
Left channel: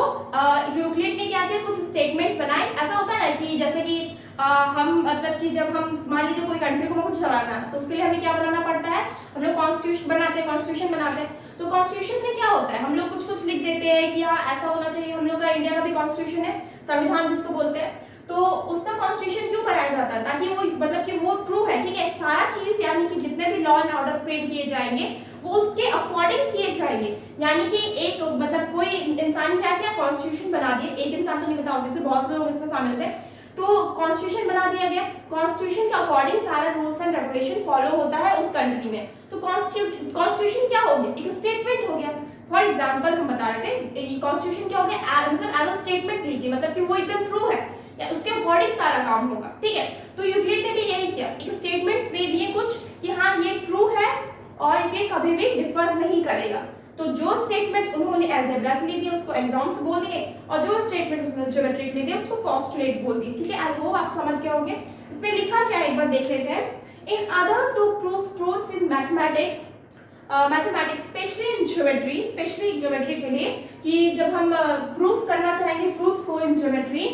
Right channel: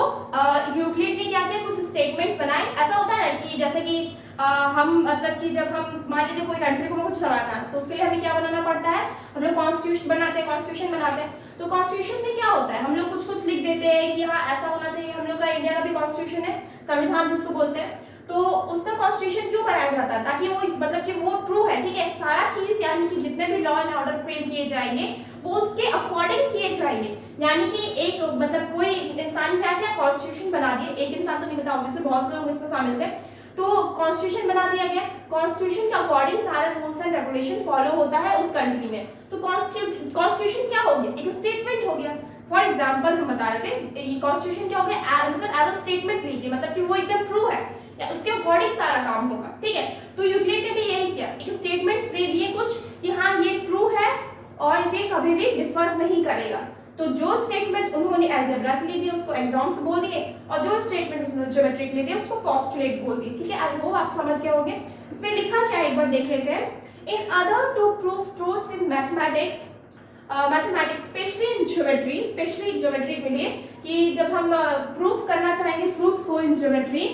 यूक्लिड ने क्या किया, कुछ स्टेटमेंट बनाए। ऐसा होता है कि जैसे कि हम मतलब कि जब हम मान लीजिए कोई कंट्री को कुछ चलाना है तो उसके लिए हमें क्या बनाना पड़ता है, हम लोग कॉन्स्टिट्यूशन बनाते हैं। तो कॉन्स्टिट्यूशन में क्या होता है, हम लोग कुछ लिख देते हैं कि हाँ ऐसा होना चाहिए। हम लोग का इंडिया का भी कॉन्स्टिट्यूशन है, संविधान जिसको बोलते हैं। तो उसका कॉन्स्टिट्यूशन क्यों बनाया जाता है, ताकि वो मतलब कि वो ट्रू है। ठीक है, सारा चीज यानी कि जितने भी लॉ एंड ऑर्डर फ्रेम किए जाएंगे वो उसके अकॉर्डिंग किए जाएंगे। यानी कि एक मतलब कोई इंसान क्या क्या कॉन्स्टिट्यूशन बना दिए, एक इंसान तो नहीं बता, ऑब्वियसली बहुत लोग इसमें शामिल थे। तो कॉन्स्टिट्यूशन बना दिया गया, कॉन्स्टिट्यूशन के अकॉर्डिंग सारा रूल्स एंड रेगुलेशन फॉलो होता है उस कंट्री में। तो कॉन्स्टिट्यूशन क्या हो गया, एक स्टेटमेंट हो गया। फॉर एग्जाम्पल हम बता रहे थे कॉन्स्टिट्यूशन क्या हो गया, मतलब एज अ स्टेटमेंट लीजिए, मतलब कि वो एकदम ट्रू है, उसके अकॉर्डिंग सारा काम होगा, ठीक है। तो यूक्लिड ने भी यही किया, एक स्टेटमेंट्स दे दिए कुछ कि हाँ ये ट्रू है और ये कभी भी डिफर नहीं करेगा। तो जो स्टेटमेंट उन्होंने अलजेब्रा के लिए दिए उसको एग्जाम्स बोल दिए, और जो स्टेटमेंट उन्होंने ज्योमेट्री के लिए दिए उसको पोस्टुलेट बोल दिए, ठीक है। आई होप आप समझ गए होंगे। इसमें लिखा क्या है एक बार देख लेते हैं। In order to prove truths in mathematics, mathematics specially in geometry, specially geometry के लिए, कि जब हम प्रूफ करना चाहेंगे ट्रूथ को इन ज्योमेट्री,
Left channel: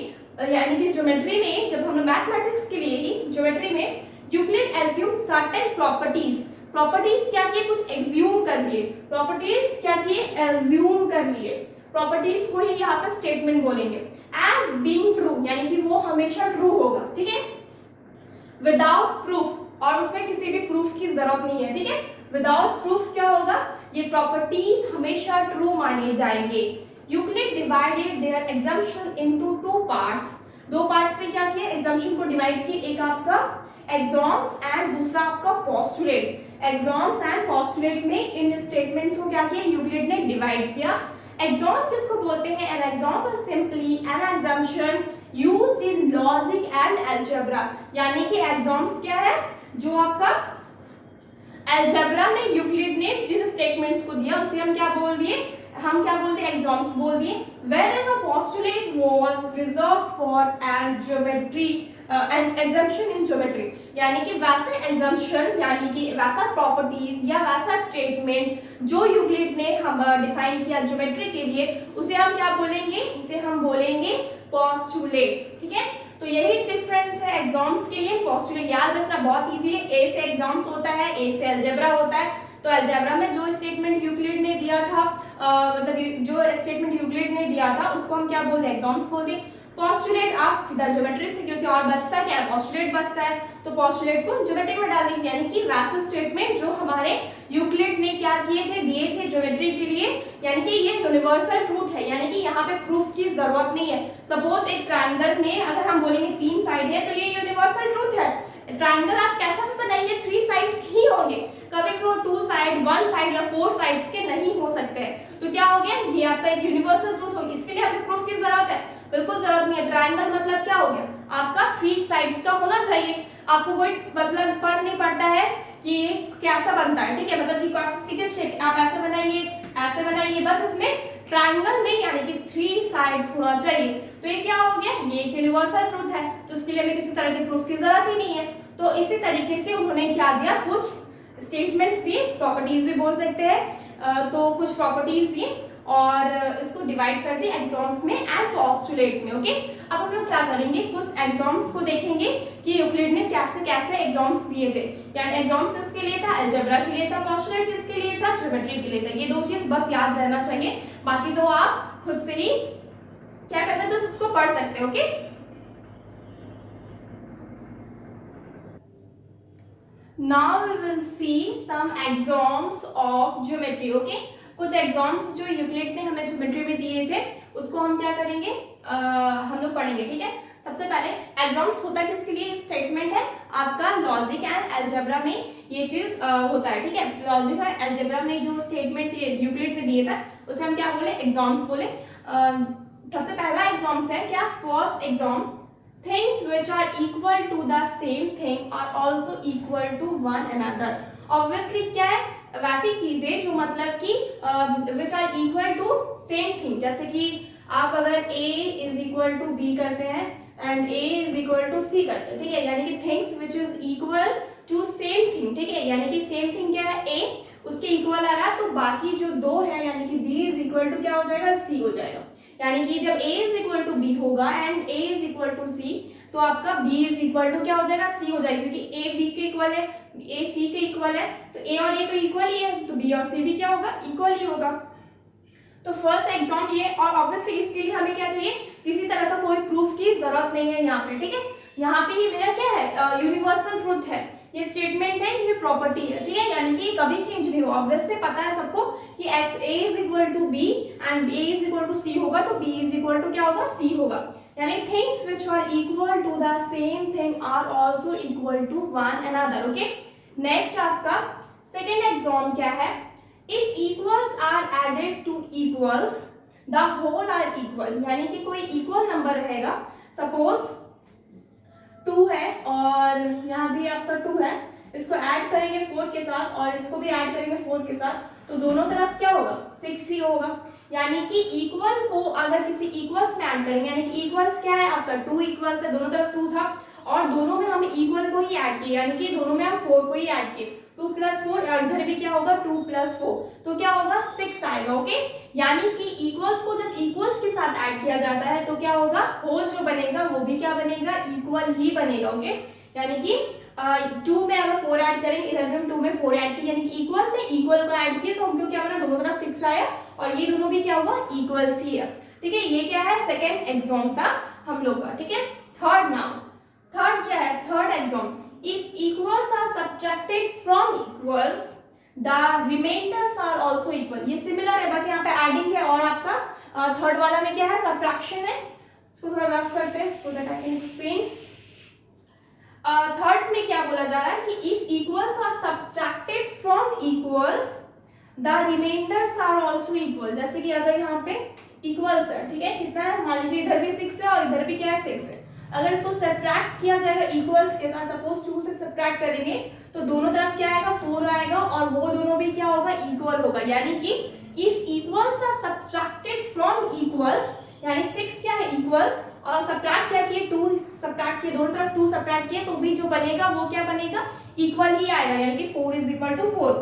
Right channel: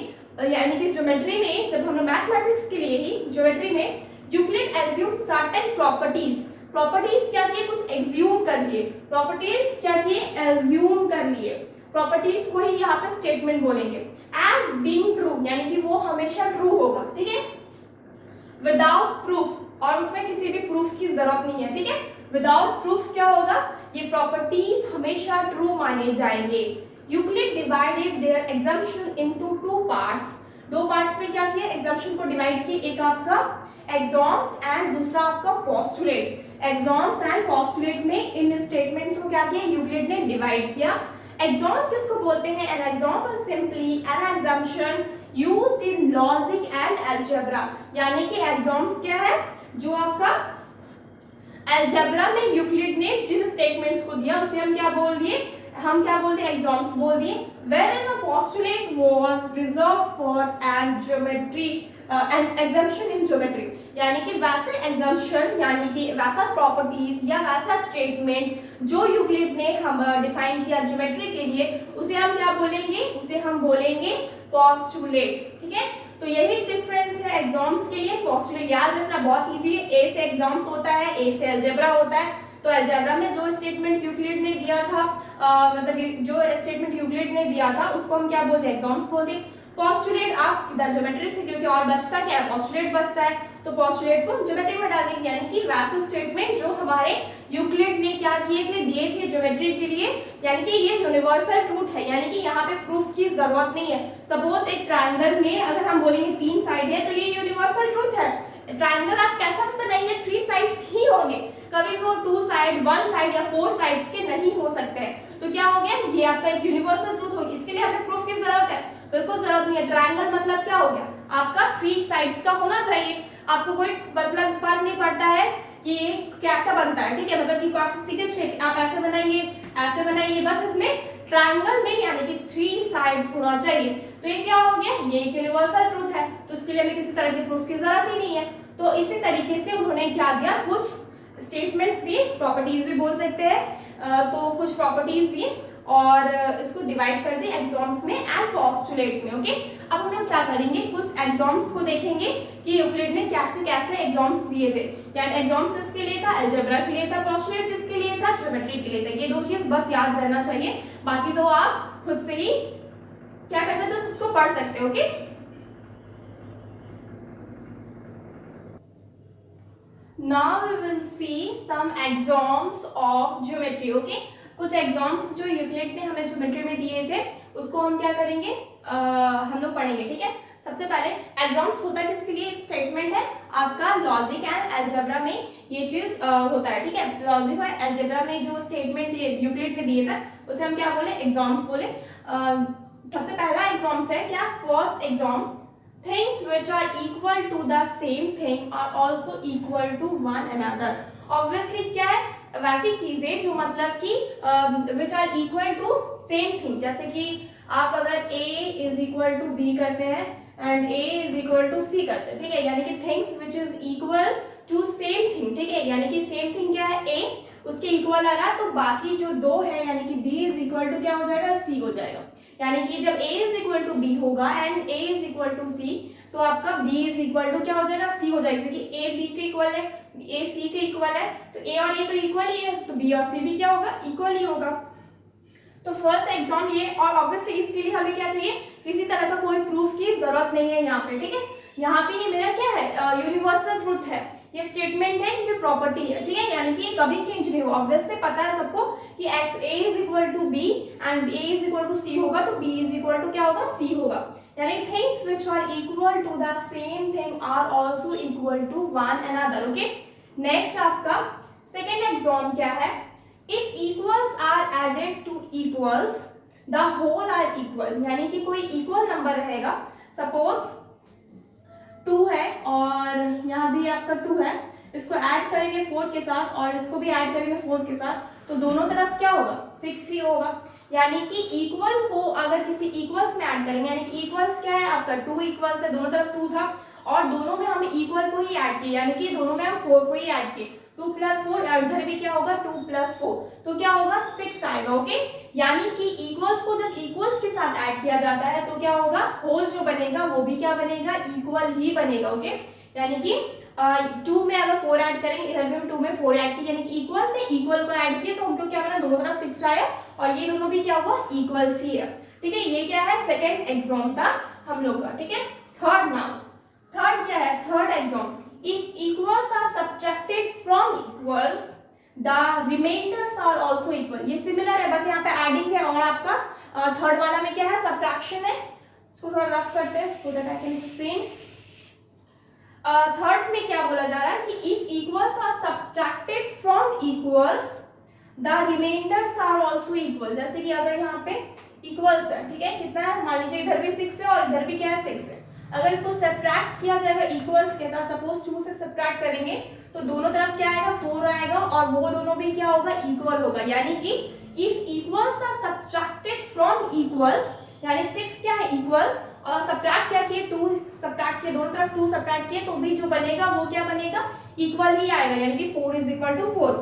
यानी कि ज्योमेट्री में जब हम मैथमेटिक्स के लिए ही ज्योमेट्री में Euclid assume certain properties, properties क्या किए, कुछ एज्यूम कर लिए, प्रॉपर्टीज क्या किए, एज्यूम कर लिए, प्रॉपर्टीज को ही यहाँ पे स्टेटमेंट बोलेंगे, एज बीइंग ट्रू, यानी कि वो हमेशा ट्रू होगा, ठीक है, विदाउट प्रूफ, और उसमें किसी भी प्रूफ की जरूरत नहीं है, ठीक है। विदाउट प्रूफ क्या होगा, ये प्रॉपर्टीज हमेशा ट्रू माने जाएंगे। Euclid divided their assumption into two parts, दो पार्ट्स में क्या किया, एग्जम्पशन को डिवाइड किए, एक आपका एग्जॉम्स एंड दूसरा आपका पोस्टुलेट। एग्जॉम्स एंड पोस्टुलेट में इन स्टेटमेंट्स को क्या किया, यूक्लिड ने डिवाइड किया। एग्जॉम किसको बोलते हैं, an axiom is simply an assumption used in logic and algebra, यानी कि एग्जॉम्स क्या है, जो आपका अलजेब्रा में यूक्लिड ने जिन स्टेटमेंट्स को दिया उसे हम क्या बोल दिए, हम क्या बोलते हैं, एग्जॉम्स बोल दिए। Whereas a postulate was reserved for an geometry, an assumption in geometry, यानी कि वैसे एग्जम्पशन, यानी कि वैसा प्रॉपर्टीज या वैसा स्टेटमेंट जो यूक्लिड ने हम डिफाइन किया ज्योमेट्री के लिए, उसे हम क्या बोलेंगे, उसे हम बोलेंगे पोस्टुलेट, ठीक है। तो यही डिफरेंस है एग्जाम्स के लिए। पोस्टुलेट याद रखना बहुत इजी है, ए से एग्जाम्स होता है, ए से अलजेब्रा होता है। तो अलजेब्रा में जो स्टेटमेंट यूक्लिड ने दिया था, मतलब जो स्टेटमेंट यूक्लिड ने दिया था उसको हम क्या बोलते हैं, एग्जाम्स बोलते हैं। पोस्टुलेट आप सीधा ज्योमेट्री से, क्योंकि और बचता क्या है, पोस्टुलेट बचता है, तो पोस्टुलेट को ज्योमेट्री में डालेंगे, यानी कि वैसे स्टेटमेंट जो हमारे यूक्लिड ने क्या किए थे, दिए थे ज्योमेट्री के लिए, यानी कि ये यूनिवर्सल ट्रूथ है, यानी कि यहाँ पे प्रूफ की जरूरत नहीं है। सपोज एक ट्रायंगल में अगर हम बोलेंगे 3 साइड है तो ये यूनिवर्सल ट्रूथ है। ट्रायंगल आप कैसा भी बनाएंगे 3 साइड्स ही होंगे, कभी भी वो 2 साइड 1 साइड या 4 साइड्स के नहीं हो सकते हैं। तो क्या हो गया, ये आपका एक यूनिवर्सल ट्रूथ होगी, इसके लिए हमें प्रूफ की जरूरत है, बिल्कुल जरूरत नहीं है। ट्रायंगल मतलब क्या हो गया, आपका 3 साइड्स का होना चाहिए, आपको कोई मतलब फर्क नहीं पड़ता है कि ये कैसा बनता है, ठीक है, मतलब कि कैसे सीधे शेप आप ऐसे बनाइए, ऐसे बनाइए, बस इसमें ट्रायंगल में यानी कि 3 साइड्स होना चाहिए। तो ये क्या हो गया, ये एक यूनिवर्सल ट्रूथ है, तो इसके लिए हमें किसी तरह के प्रूफ की जरूरत ही नहीं है। तो इसी तरीके से उन्होंने क्या दिया, कुछ स्टेटमेंट्स दिए, प्रॉपर्टीज भी बोल सकते हैं, तो कुछ प्रॉपर्टीज दिए और इसको डिवाइड कर दिए एग्जॉम्स में एंड पोस्टुलेट में, ओके। अब हम लोग क्या करेंगे, कुछ एग्जॉम्स को देखेंगे कि यूक्लिड ने कैसे कैसे एग्जॉम्स दिए थे, यानी एग्जॉम्स किसके लिए था, अलजेब्रा के लिए था, पोस्टुलेट किसके लिए था, ज्योमेट्री के लिए था। ये 2 चीज बस याद रहना चाहिए, बाकी तो आप खुद से ही क्या कर सकते हो, उसको पढ़ सकते हो, okay. Now we will see some examples of geometry, okay? कुछ एग्जाम्स जो यूक्लिड ने हमें ज्योमेट्री में दिए थे उसको हम क्या करेंगे, हम लोग पढ़ेंगे, ठीक है। सबसे पहले एग्जाम्स होता है किसके लिए, स्टेटमेंट है आपका लॉजिक एंड अलजेब्रा में ये चीज होता है, ठीक है। लॉजिक और अलजेब्रा में जो स्टेटमेंट यूक्लिड ने दिए थे उसे हम क्या बोले, एग्जाम्स बोले। सबसे पहला एग्जाम्स है क्या, first exam, things which are equal to the same thing are also equal to one another। obviously क्या है, वैसी चीजें जो मतलब कि which are equal to same thing, जैसे कि आप अगर a is equal to b करते हैं and a is equal to c करते हैं, ठीक है, यानी कि things which is equal to same thing, ठीक है, यानी कि same thing क्या है, a उसके इक्वल आ रहा है, तो बाकी जो 2 है यानी कि b is equal to क्या हो जाएगा, c हो जाएगा। यानी कि जब a is equal to b होगा and a is equal to c, तो आपका b is equal to क्या हो जाएगा, c हो जाएगा, क्योंकि a b के इक्वल है, a c के इक्वल है, तो a और a तो इक्वल ही है, तो b और c भी क्या होगा, इक्वल ही होगा। तो फर्स्ट एग्जाम ये, और ऑब्वियसली इसके लिए हमें क्या चाहिए, किसी तरह का कोई प्रूफ की जरूरत नहीं है यहाँ पे, ठीक है। यहाँ पे ये मेरा क्या है, यूनिवर्सल ट्रूथ है, ये स्टेटमेंट है, ये प्रॉपर्टी है, ठीक है, यानी कि ये कभी चेंज नहीं हो। ऑब्वियसली पता है सबको कि x a is equal to b and a is equal to c होगा, तो b is equal to क्या होगा, c होगा। यानी things which are equal to the same thing are also equal to one another, okay। Next आपका सेकेंड एग्जाम क्या है, if equals are added to equals the whole are equal, यानी कि कोई इक्वल नंबर रहेगा, सपोज 2 है और यहाँ भी आपका 2 है, इसको ऐड करेंगे 4 के साथ और इसको भी ऐड करेंगे 4 के साथ, तो दोनों तरफ क्या होगा 6 ही होगा। यानी कि इक्वल को अगर किसी इक्वल्स में ऐड करेंगे, यानी कि इक्वल्स क्या है आपका 2 इक्वल्स है, दोनों तरफ 2 था और दोनों में हम इक्वल को ही ऐड किए, यानी कि दोनों में हम 4 को ही ऐड किए, 2 + 4 और इधर भी क्या होगा 2 + 4, तो क्या होगा 6 आएगा। ओके, यानी कि इक्वल्स को जब इक्वल्स के साथ ऐड किया जाता है तो क्या होगा, होल जो बनेगा वो भी क्या बनेगा, इक्वल ही बनेगा। ओके, यानी कि 2 में अगर 4 ऐड करेंगे, इधर भी हम 2 में 4 ऐड किए, यानी कि इक्वल में इक्वल को ऐड किए तो हमको क्या बना, दोनों तरफ 6 आया और ये दोनों भी क्या हुआ, इक्वल्स ही है। ठीक है, ये क्या है, सेकंड एग्जाम था हम लोग का। ठीक है, थर्ड नाउ, थर्ड क्या है, third axiom, if equals are subtracted from equals the remainders are also equal. ये सिमिलर है, बस यहाँ पे एडिंग है और आपका थर्ड वाला में क्या है, सब्ट्रैक्शन है। इसको थोड़ा रफ करते हैं so that I can explain. Third में क्या बोला जा रहा है कि if equals are subtracted from equals the remainders are also equal. जैसे कि अगर यहाँ पे इक्वल्स है, ठीक है, कितना है, मान लीजिए इधर भी 6 है और इधर भी क्या है 6 है, अगर इसको सब्ट्रैक्ट किया जाएगा इक्वल्स के साथ, सपोज 2 से सब्ट्रैक्ट करेंगे तो दोनों तरफ क्या आएगा, 4 आएगा और वो दोनों भी क्या होगा, इक्वल होगा। यानी कि if equals are subtracted from equals, यानी 6 क्या है इक्वल्स और सब्ट्रैक्ट क्या किए, 2 सब्ट्रैक्ट किए, दोनों तरफ 2 सब्ट्रैक्ट किए, तो भी जो बनेगा वो क्या बनेगा, इक्वल ही आएगा, यानी कि 4 = 4।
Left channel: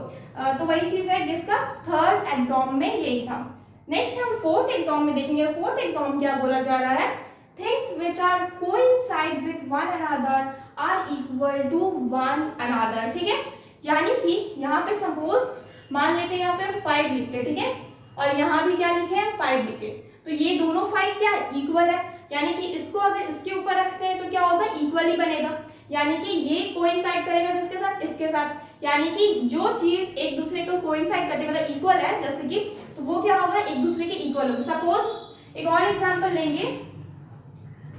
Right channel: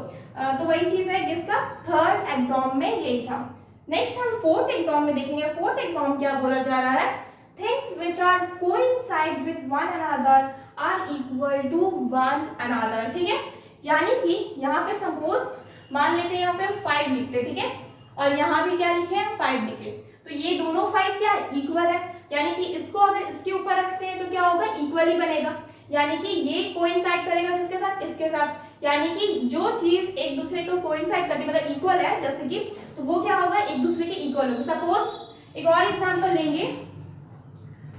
तो वही चीज है जिसका थर्ड एग्जाम में यही था। नेक्स्ट हम फोर्थ एग्जाम में देखेंगे। फोर्थ एग्जाम क्या बोला जा रहा है, things which are coincide with one another are equal to one another. ठीक है, यानी कि यहाँ पे सपोज मान लेते हैं यहाँ पे हम 5 लिखते, ठीक है, और यहाँ भी क्या लिखे हैं 5 लिखे, तो ये दोनों 5 क्या है, इक्वल है। यानी कि इसको अगर इसके ऊपर रखते हैं तो क्या होगा, इक्वल ही बनेगा। यानी कि ये कोइंसाइड करेगा किसके साथ, इसके साथ, यानी कि जो चीज एक दूसरे को कोइंसाइड करती है मतलब इक्वल है, जैसे कि, तो वो क्या होगा, एक दूसरे के इक्वल होगा। सपोज एक और एग्जांपल लेंगे,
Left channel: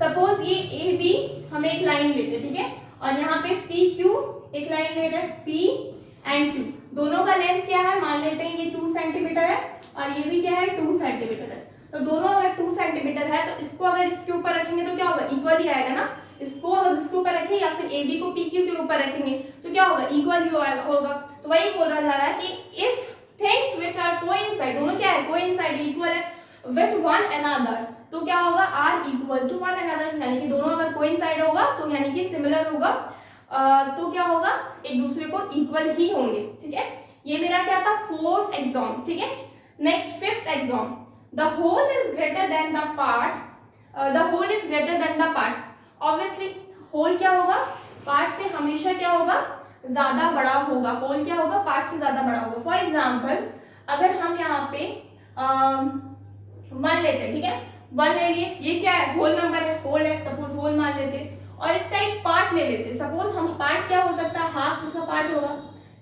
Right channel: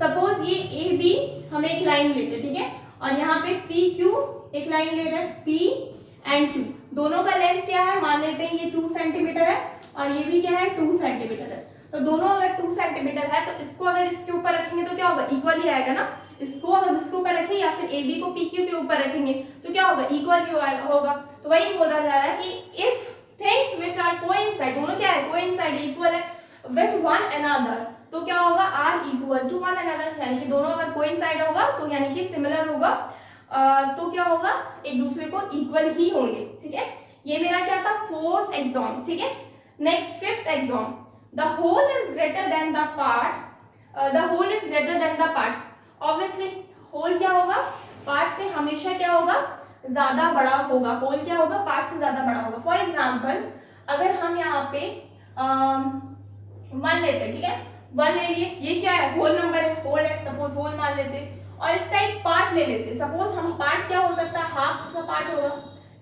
सपोज ये ए बी हम एक लाइन लेते हैं, ठीक है, और यहाँ पे पी क्यू एक लाइन ले रहे हैं, पी एंड क्यू, दोनों का लेंथ क्या है, मान लेते हैं ये 2 सेंटीमीटर है और ये भी क्या है 2 सेंटीमीटर है, तो दोनों अगर 2 सेंटीमीटर है तो इसको अगर इसके ऊपर रखेंगे तो क्या होगा, इक्वल ही आएगा ना। इसको अगर इसके ऊपर रखें या फिर ए बी को पी क्यू के ऊपर रखेंगे तो क्या होगा, इक्वल ही होगा। तो वही बोला जा रहा है कि if things which are coincide, दोनों क्या है, कोइंसाइड इक्वल है, विथ वन अनदर, तो क्या होगा, are equal to one another, यानी कि दोनों अगर कोइंसाइड होगा तो यानी कि सिमिलर होगा, तो क्या होगा, एक दूसरे को इक्वल ही होंगे। ठीक है, ये मेरा क्या था, फोर्थ एग्जाम। ठीक है, next fifth axiom, the whole is greater than the part, the whole is greater than the part. Obviously whole क्या होगा, पार्ट से हमेशा क्या होगा, ज्यादा बड़ा होगा, होल क्या होगा, पार्ट से ज्यादा बड़ा होगा। फॉर एग्जाम्पल अगर हम यहाँ पे 1 लेते हैं, ठीक है, 1 ले लिए, ये क्या है, होल नंबर है, होल है, सपोज होल मान लेते, और इसका एक पार्ट ले लेते, सपोज हम पार्ट क्या हो सकता है, हाफ इसका पार्ट होगा,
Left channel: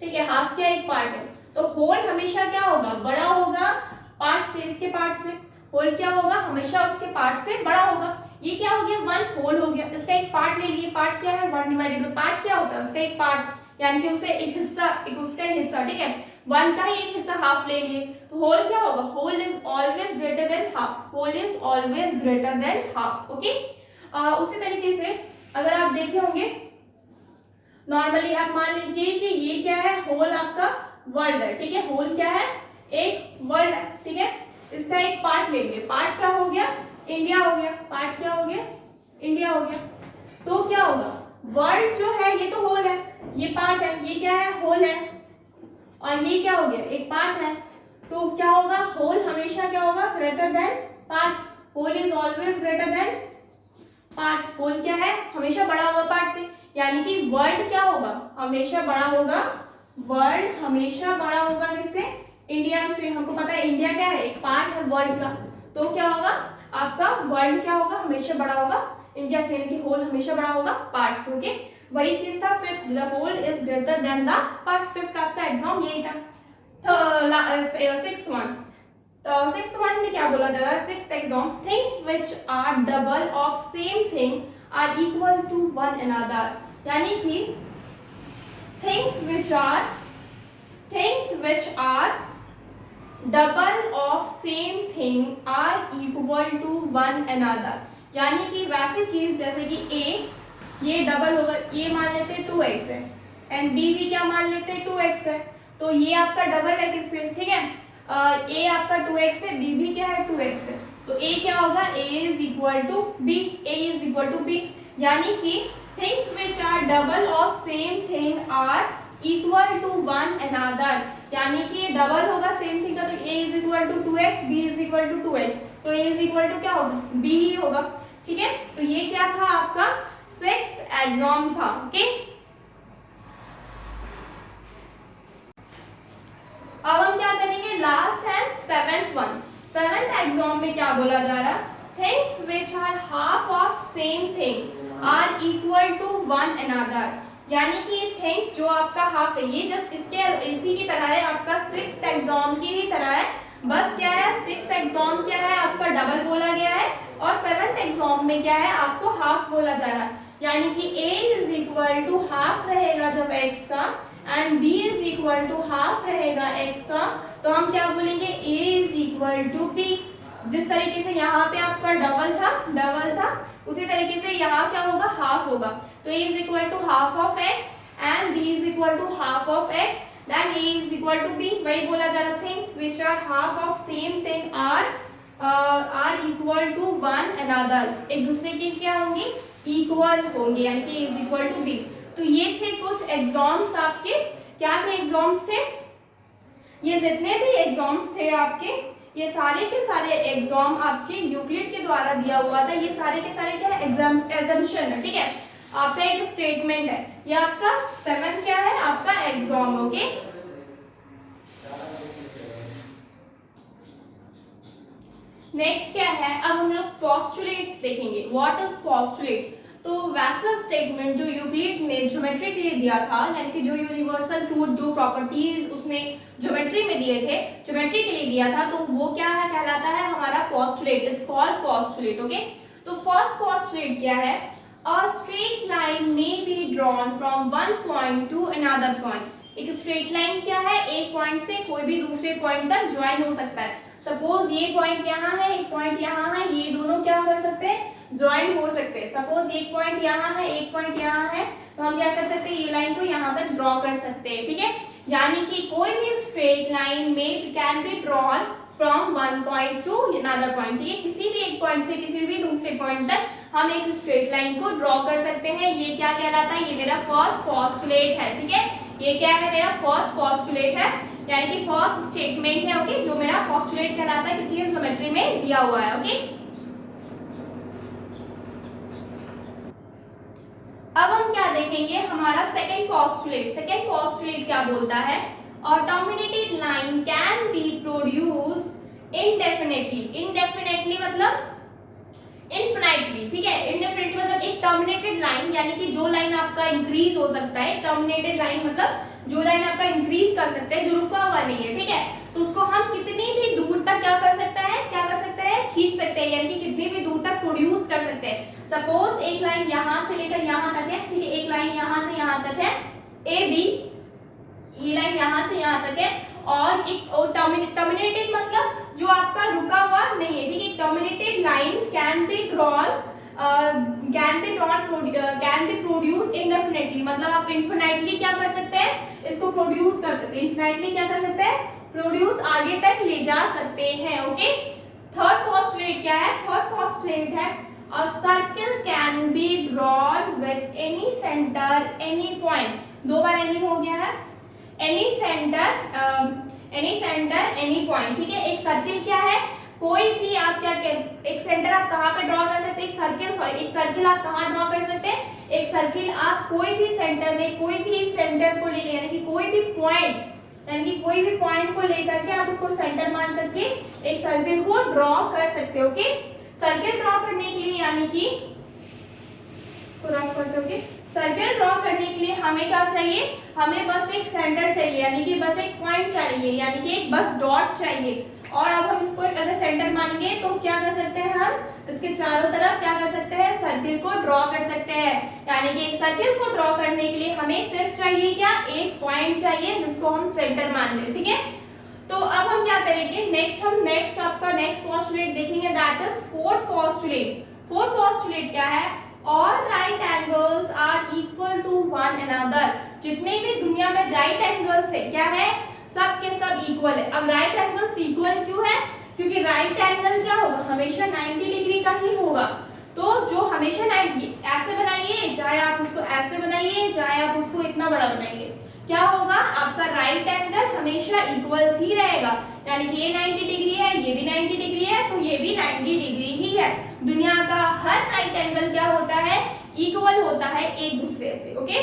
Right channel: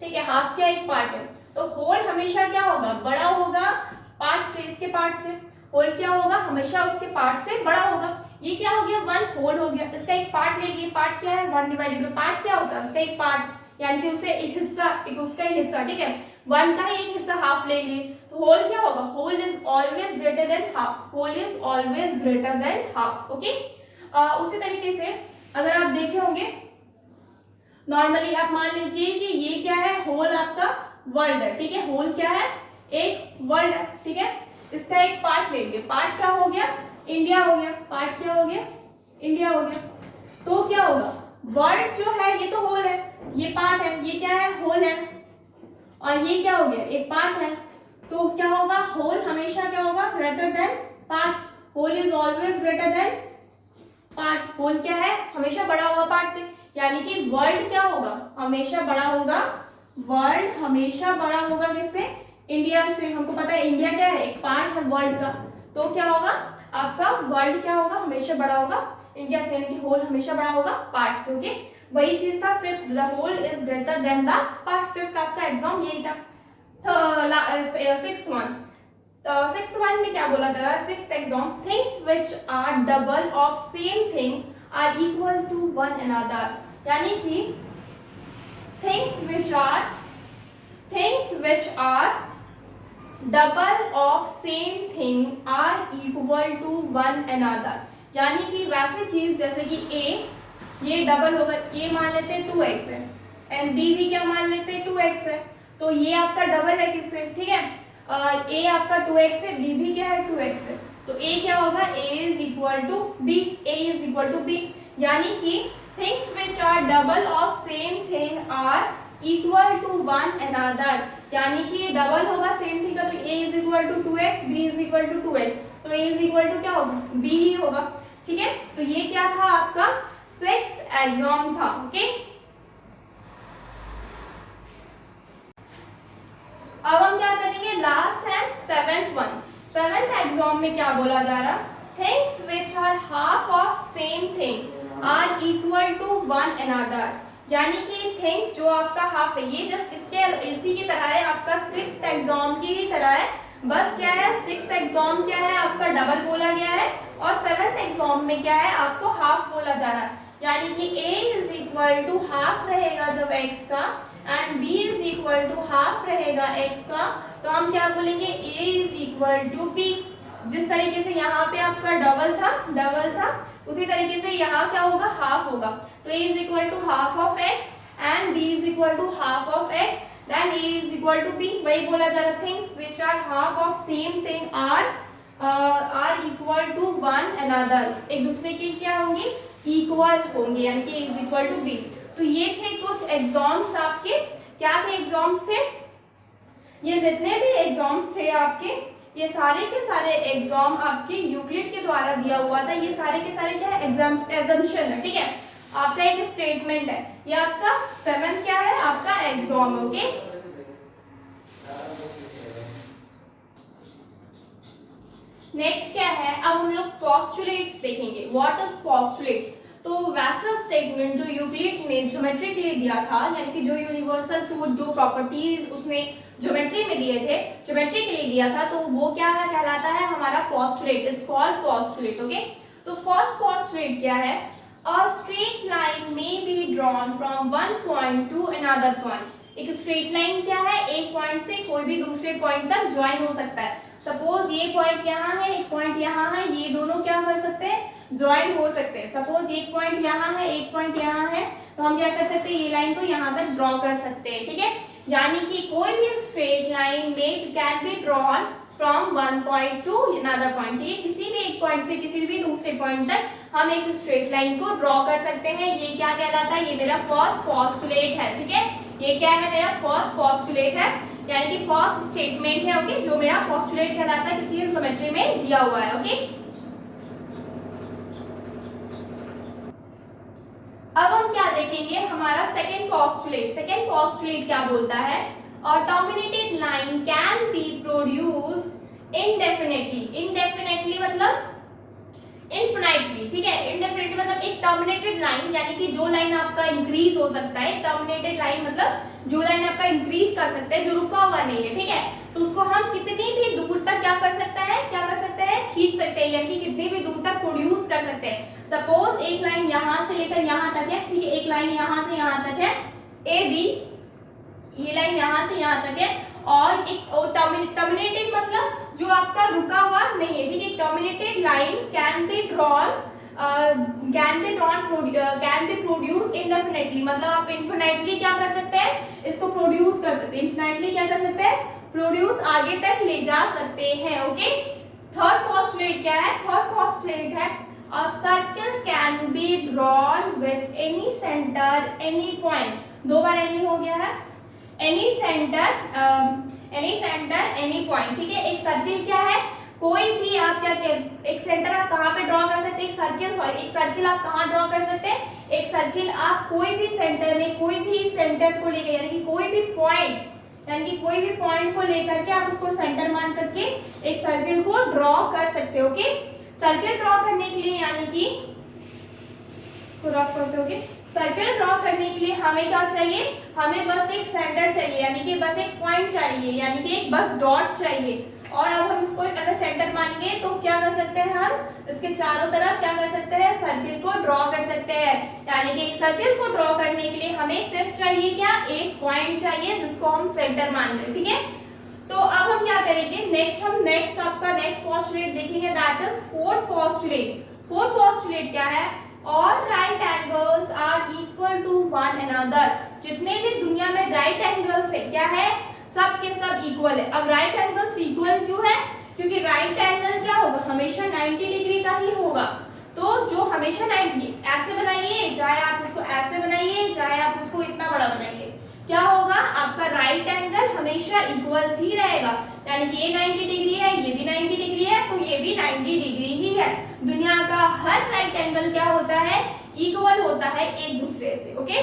ठीक है, हाफ क्या एक पार्ट है, तो होल हमेशा क्या होगा, बड़ा होगा पार्ट से, इसके पार्ट से, होल क्या होगा, हमेशा उसके पार्ट से बड़ा होगा। ये क्या हो गया, 1 होल हो गया, इसका एक पार्ट ले लिए, पार्ट क्या है 1 डिवाइडेड बाय, पार्ट क्या होता है, उसका एक पार्ट, यानी कि उसे एक हिस्सा, एक उसका एक हिस्सा, ठीक है, 1 का ही एक हिस्सा हाफ ले लिए, तो होल क्या होगा, whole is always greater than half, whole is always greater than half. Okay, उसी तरीके से अगर आप देखे होंगे नॉर्मली, आप मान लीजिए कि ये क्या है, होल आपका वर्ल्ड है, ठीक है, होल क्या है, एक वर्ल्ड है, ठीक है, इसका एक पार्ट लेंगे, पार्ट क्या हो गया, इंडिया हो गया, पार्ट क्या हो गया, इंडिया हो गया, तो क्या होगा, वर्ल्ड जो है ये तो होल है, ये पार्ट है, ये क्या है, होल है, और ये क्या हो गया, एक पार्ट है, तो क्या होगा, होल हमेशा क्या होगा, greater than part, whole is always greater than part, whole क्या है, हमेशा बड़ा होगा पार्ट से, यानी कि वर्ल्ड क्या होगा, हमेशा बड़ा होगा, वर्ल्ड हमेशा बड़ा होगा किससे, इंडिया से। हमको पता है इंडिया क्या है, एक पार्ट है वर्ल्ड का, तो क्या होगा आपका, वर्ल्ड क्या होगा, हमेशा बड़ा होगा इंडिया से, यानी कि होल हमेशा बड़ा होगा पार्ट से। ओके, वही चीज था fifth, the whole is greater than the part, fifth आपका एग्जाम यही था। सिक्स्थ वन, तो सिक्स्थ वन में क्या बोला जा रहा है, sixth axiom, things which are double of same thing are equal to one another, यानी कि things which are double of same thing are equal to one another, यानी कि वैसे चीज जैसे कि ए, ये डबल होगा, ये मान लेते हैं 2x है, एंड बी भी क्या मान लेते हैं 2x है, तो ये आपका डबल है किससे, ठीक है, ए आपका 2x है, बी भी क्या है 2x है, तो ए क्या होगा, A is equal to B, A is equal to B, यानी कि things which are double of same thing are equal to one another, यानी कि डबल होगा सेम थिंग का, तो a is equal to 2x, b is equal to 2x, तो a इज इक्वल टू क्या होगा, b ही होगा, ठीक है। तो ये क्या था आपका 6th एग्जाम था, ओके। अब हम क्या करेंगे, last and 7th one. 7th exam में क्या बोला जा रहा, things which are half of same thing are equal to one another, यानी कि थिंग्स जो आपका हाफ है, ये जस्ट इसके इसी की तरह है, आपका 6th एग्जाम की ही तरह है, बस क्या है 6th एग्जाम क्या है आपका डबल बोला गया है, और 7th एग्जाम में क्या है आपको हाफ बोला जा रहा है, यानी कि a is equal to half रहेगा जब x का, and b is equal to half रहेगा x का, तो हम क्या बोलेंगे a is equal to b। जिस तरीके से यहाँ पे आपका डबल था, उसी तरीके से यहाँ क्या होगा, हाफ होगा, तो a is equal to half of x and b is equal to half of x, then a is equal to b। वही बोला जा रहा, things which are half of same thing are equal to one another, एक दूसरे के क्या होंगे, इक्वल होंगे, यानी कि a is equal to b। तो ये थे कुछ एग्जाम्स आपके, क्या थे एग्जाम्स थे, ये जितने भी एग्जाम्स थे आपके, ये सारे के सारे एग्जाम आपके यूक्लिड के द्वारा दिया हुआ था, ये सारे के सारे क्या है एग्जाम्पशन है, ठीक है, आपका एक स्टेटमेंट है, ये आपका 7 क्या है आपका एग्जाम, ओके। नेक्स्ट क्या है, अब हम लोग पोस्टुलेट्स देखेंगे, व्हाट इज पोस्टुलेट। तो वैसा स्टेटमेंट जो यूक्लिड ने ज्योमेट्री के लिए दिया था, यानी कि जो यूनिवर्सल ट्रूथ, जो प्रॉपर्टीज उसने ज्योमेट्री में दिए थे, ज्योमेट्री के लिए दिया था, तो वो क्या है कहलाता है हमारा postulate, it's called postulate, okay. तो फर्स्ट पोस्टुलेट क्या है, अ स्ट्रेट लाइन में be drawn from one point two another point, एक स्ट्रेट लाइन क्या है, एक पॉइंट से कोई भी दूसरे पॉइंट तक ज्वाइन हो सकता है, सपोज ये पॉइंट यहाँ है, एक पॉइंट यहाँ है, ये दोनों क्या कर सकते हैं, ज्वाइन हो सकते हैं, सपोज एक पॉइंट यहाँ है, एक पॉइंट यहाँ है, तो हम क्या कर सकते हैं, ये लाइन को यहाँ तक ड्रॉ कर सकते हैं, ठीक है, यानी कि कोई भी स्ट्रेट लाइन में can be drawn from one point two another point, ठीक है, किसी भी एक पॉइंट से किसी भी दूसरे पॉइंट तक हम एक स्ट्रेट लाइन को ड्रॉ कर सकते हैं, ये क्या कहलाता है, ये मेरा फर्स्ट पोस्टुलेट है, ठीक है, ये क्या है मेरा फर्स्ट पोस्टुलेट है, यानी कि फर्स्ट स्टेटमेंट है, ओके, जो मेरा पोस्टुलेट कहलाता है, क्योंकि ये ज्योमेट्री में दिया हुआ है, ओके। अब हम क्या देखेंगे, हमारा सेकंड पोस्टुलेट। सेकंड पोस्टुलेट क्या बोलता है, a terminated line can be produced indefinitely, indefinitely मतलब इनफिनाइटली, ठीक है, इंडेफिनेटली मतलब एक टर्मिनेटेड लाइन, यानी कि जो लाइन आपका इंक्रीज हो सकता है, टर्मिनेटेड लाइन मतलब जो लाइन आपका इंक्रीज कर सकता है, जो रुका हुआ नहीं है, ठीक है, तो उसको हम कितनी भी दूर तक क्या कर सकते हैं, खींच सकते हैं, यानी कि कितनी भी दूर तक प्रोड्यूस कर सकते हैं। सपोज एक लाइन यहाँ से लेकर यहाँ तक है, ठीक है, एक लाइन यहाँ से यहाँ तक है, ए बी, ये लाइन यहाँ से यहाँ तक है, और एक टर्मिनेटेड मतलब जो आपका रुका हुआ नहीं है, ठीक है, terminated line can B produce indefinitely, मतलब आप इनफिनाइटली क्या कर सकते हैं, इसको प्रोड्यूस कर सकते हैं, इनफिनाइटली क्या कर सकते हैं, प्रोड्यूस आगे तक ले जा सकते हैं, ओके। थर्ड पोस्टुलेट क्या है, थर्ड पोस्टुलेट है a circle can be drawn with any center any point, दो बार any हो गया है, any center any point, ठीक है, एक सर्किल क्या है, कोई भी आप क्या एक सेंटर आप कहाँ पे ड्रॉ कर सकते हैं, एक सर्किल आप कहाँ ड्रॉ कर सकते हैं, एक सर्किल आप कोई भी सेंटर में, कोई भी सेंटर्स को लेकर, यानी कि कोई भी पॉइंट, यानी कि कोई भी पॉइंट को लेकर के आप उसको सेंटर मान करके एक सर्किल को ड्रॉ कर सकते हो, ओके। सर्किल ड्रॉ करने के लिए, यानी कि इसको रफ करते होगे, सर्किल ड्रॉ करने के लिए हमें क्या चाहिए, हमें बस एक सेंटर चाहिए, यानी कि बस एक पॉइंट चाहिए, यानी कि एक बस डॉट चाहिए, और अब हम इसको अगर सेंटर मानेंगे तो क्या कर सकते हैं, हम इसके चारों तरफ क्या कर सकते हैं, सर्किल को ड्रॉ कर सकते हैं, यानी कि एक सर्किल को ड्रॉ करने के लिए हमें सिर्फ चाहिए क्या, एक पॉइंट चाहिए जिसको हम सेंटर मान लें, ठीक है। तो अब हम क्या करेंगे, नेक्स्ट आपका नेक्स्ट पोस्टुलेट देखेंगे, that is fourth postulate. Fourth postulate क्या है, all right angles are equal to one another. जितने भी दुनिया में राइट एंगल्स है क्या है, सब के सब इक्वल है। अब राइट एंगल्स इक्वल क्यों है, क्योंकि राइट एंगल क्या होगा, हमेशा 90 डिग्री का ही होगा। तो जो हमेशा 90 ऐसे बनाइए, चाहे आप उसको ऐसे बनाइए, चाहे आप उसको इतना बड़ा बनाइए, क्या होगा, आपका राइट एंगल हमेशा इक्वल ही रहेगा। यानी कि ये 90 डिग्री है, ये भी 90 डिग्री है, तो ये भी 90 डिग्री ही है। दुनिया का हर राइट एंगल क्या होता है, इक्वल होता है एक दूसरे से। ओके,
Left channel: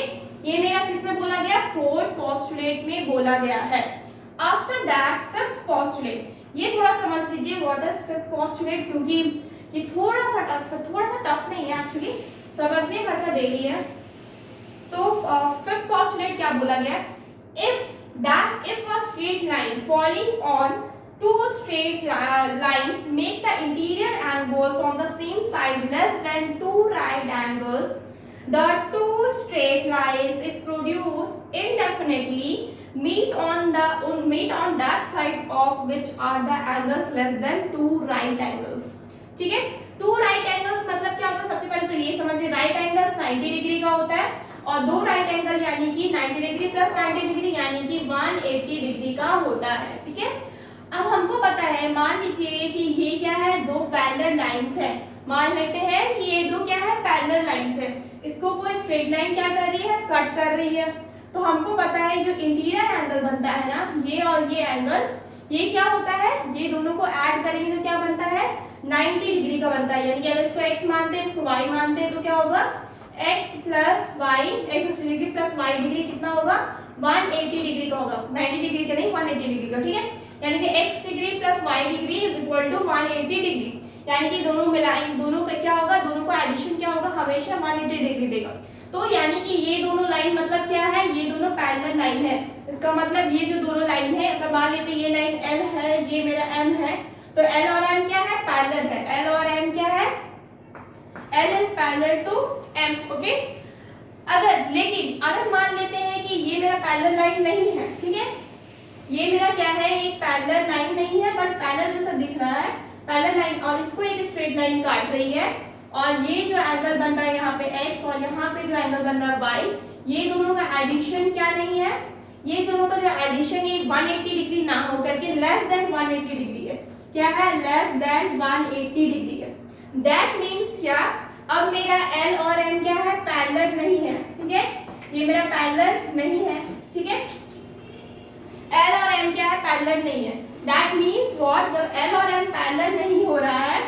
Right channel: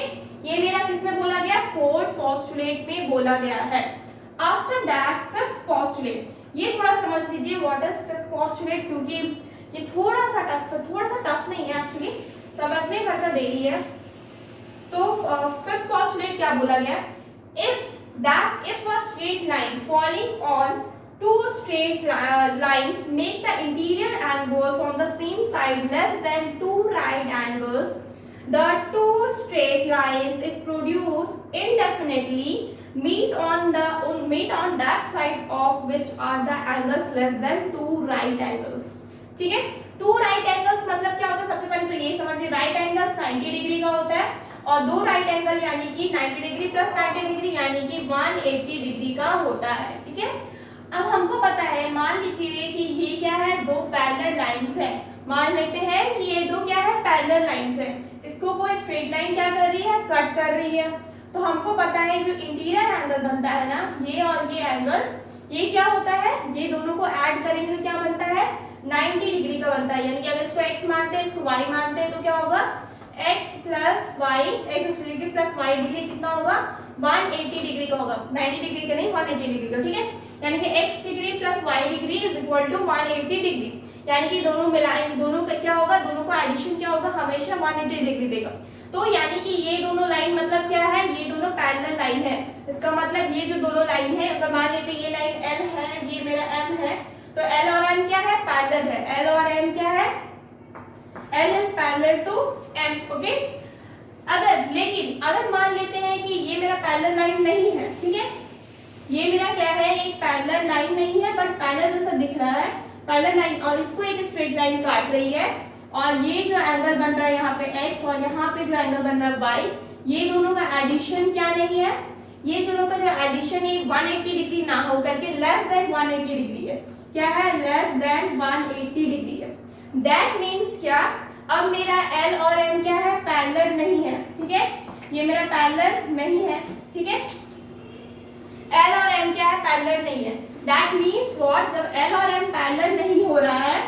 ये मेरा किसमें बोला गया, फोर्थ पोस्टुलेट में बोला गया है। आफ्टर दैट फिफ्थ पोस्टुलेट, ये थोड़ा समझ लीजिए व्हाट इज फिफ्थ पोस्टुलेट, क्योंकि ये थोड़ा सा टफ नहीं है एक्चुअली, समझने भर का देरी है। तो फिफ्थ पोस्टुलेट क्या बोला गया, if a straight line falling on two straight lines make the interior angles on the same side less than two right angles, the two straight lines if produced indefinitely meet on that side of which are the angles less than two right angles। ठीक है, टू राइट एंगल्स मतलब क्या होता है, सबसे पहले तो ये समझिए, राइट एंगल्स 90 डिग्री का होता है, और दो राइट एंगल यानी कि 90 डिग्री प्लस 90 डिग्री यानी कि 180 डिग्री का होता है। ठीक है, अब हमको पता है, मान लीजिए कि ये क्या है, दो पैरेलल लाइंस है। मान लेते हैं कि ये दो क्या है, पैरेलल लाइंस है। इसको कोई स्ट्रेट लाइन क्या कर रही है, कट कर रही है। तो हमको पता है जो इंटीरियर एंगल बनता है ना, ये और ये एंगल, ये क्या होता है, ये दोनों को ऐड करेंगे तो क्या बनता है, 90 डिग्री का बनता है। यानी कि अगर इसको x मानते हैं, इसको y मानते हैं, तो क्या होगा, x plus Y, x degree plus y degree कितना होगा, 180 डिग्री का होगा। 90 डिग्री का नहीं, 180 डिग्री का। ठीक है, यानी कि x degree plus y degree is equal to 180 degree. यानी कि दोनों मिलाएंगे, दोनों का क्या होगा, दोनों का एडिशन क्या होगा, हमेशा 180 डिग्री देगा। तो यानी कि ये दोनों लाइन मतलब क्या है, ये दोनों पैरेलल लाइन है। इसका मतलब ये जो दोनों लाइन है, अगर मान लेते ये लाइन L है, ये मेरा M है, तो L और M क्या है, पैरेलल है। L और M क्या है, L is parallel to M। Okay, लेकिन अगर मान लेते हैं कि ये मेरा पैरेलल लाइन नहीं है, ठीक है, ये मेरा क्या है, एक पैरेलल लाइन नहीं है, बट पैरेलल जैसा दिख रहा है, पैरेलल लाइन, और इसको एक स्ट्रेट लाइन काट रही है, और ये जो एंगल बन रहा है यहाँ पे x और यहाँ पे जो एंगल बन रहा है y, ये दोनों का एडिशन क्या नहीं है, ये दोनों का जो एडिशन ये 180 डिग्री ना हो करके लेस देन 180 डिग्री है। क्या है, लेस देन 180 डिग्री है। दैट मीन्स क्या, अब मेरा L और M क्या है, पैरेलल नहीं है। ठीक है, ये मेरा पैरेलल नहीं है। ठीक है, L और M क्या है, पैरेलल नहीं है। दैट मीन्स व्हाट, जब L और M पैरेलल नहीं हो रहा है,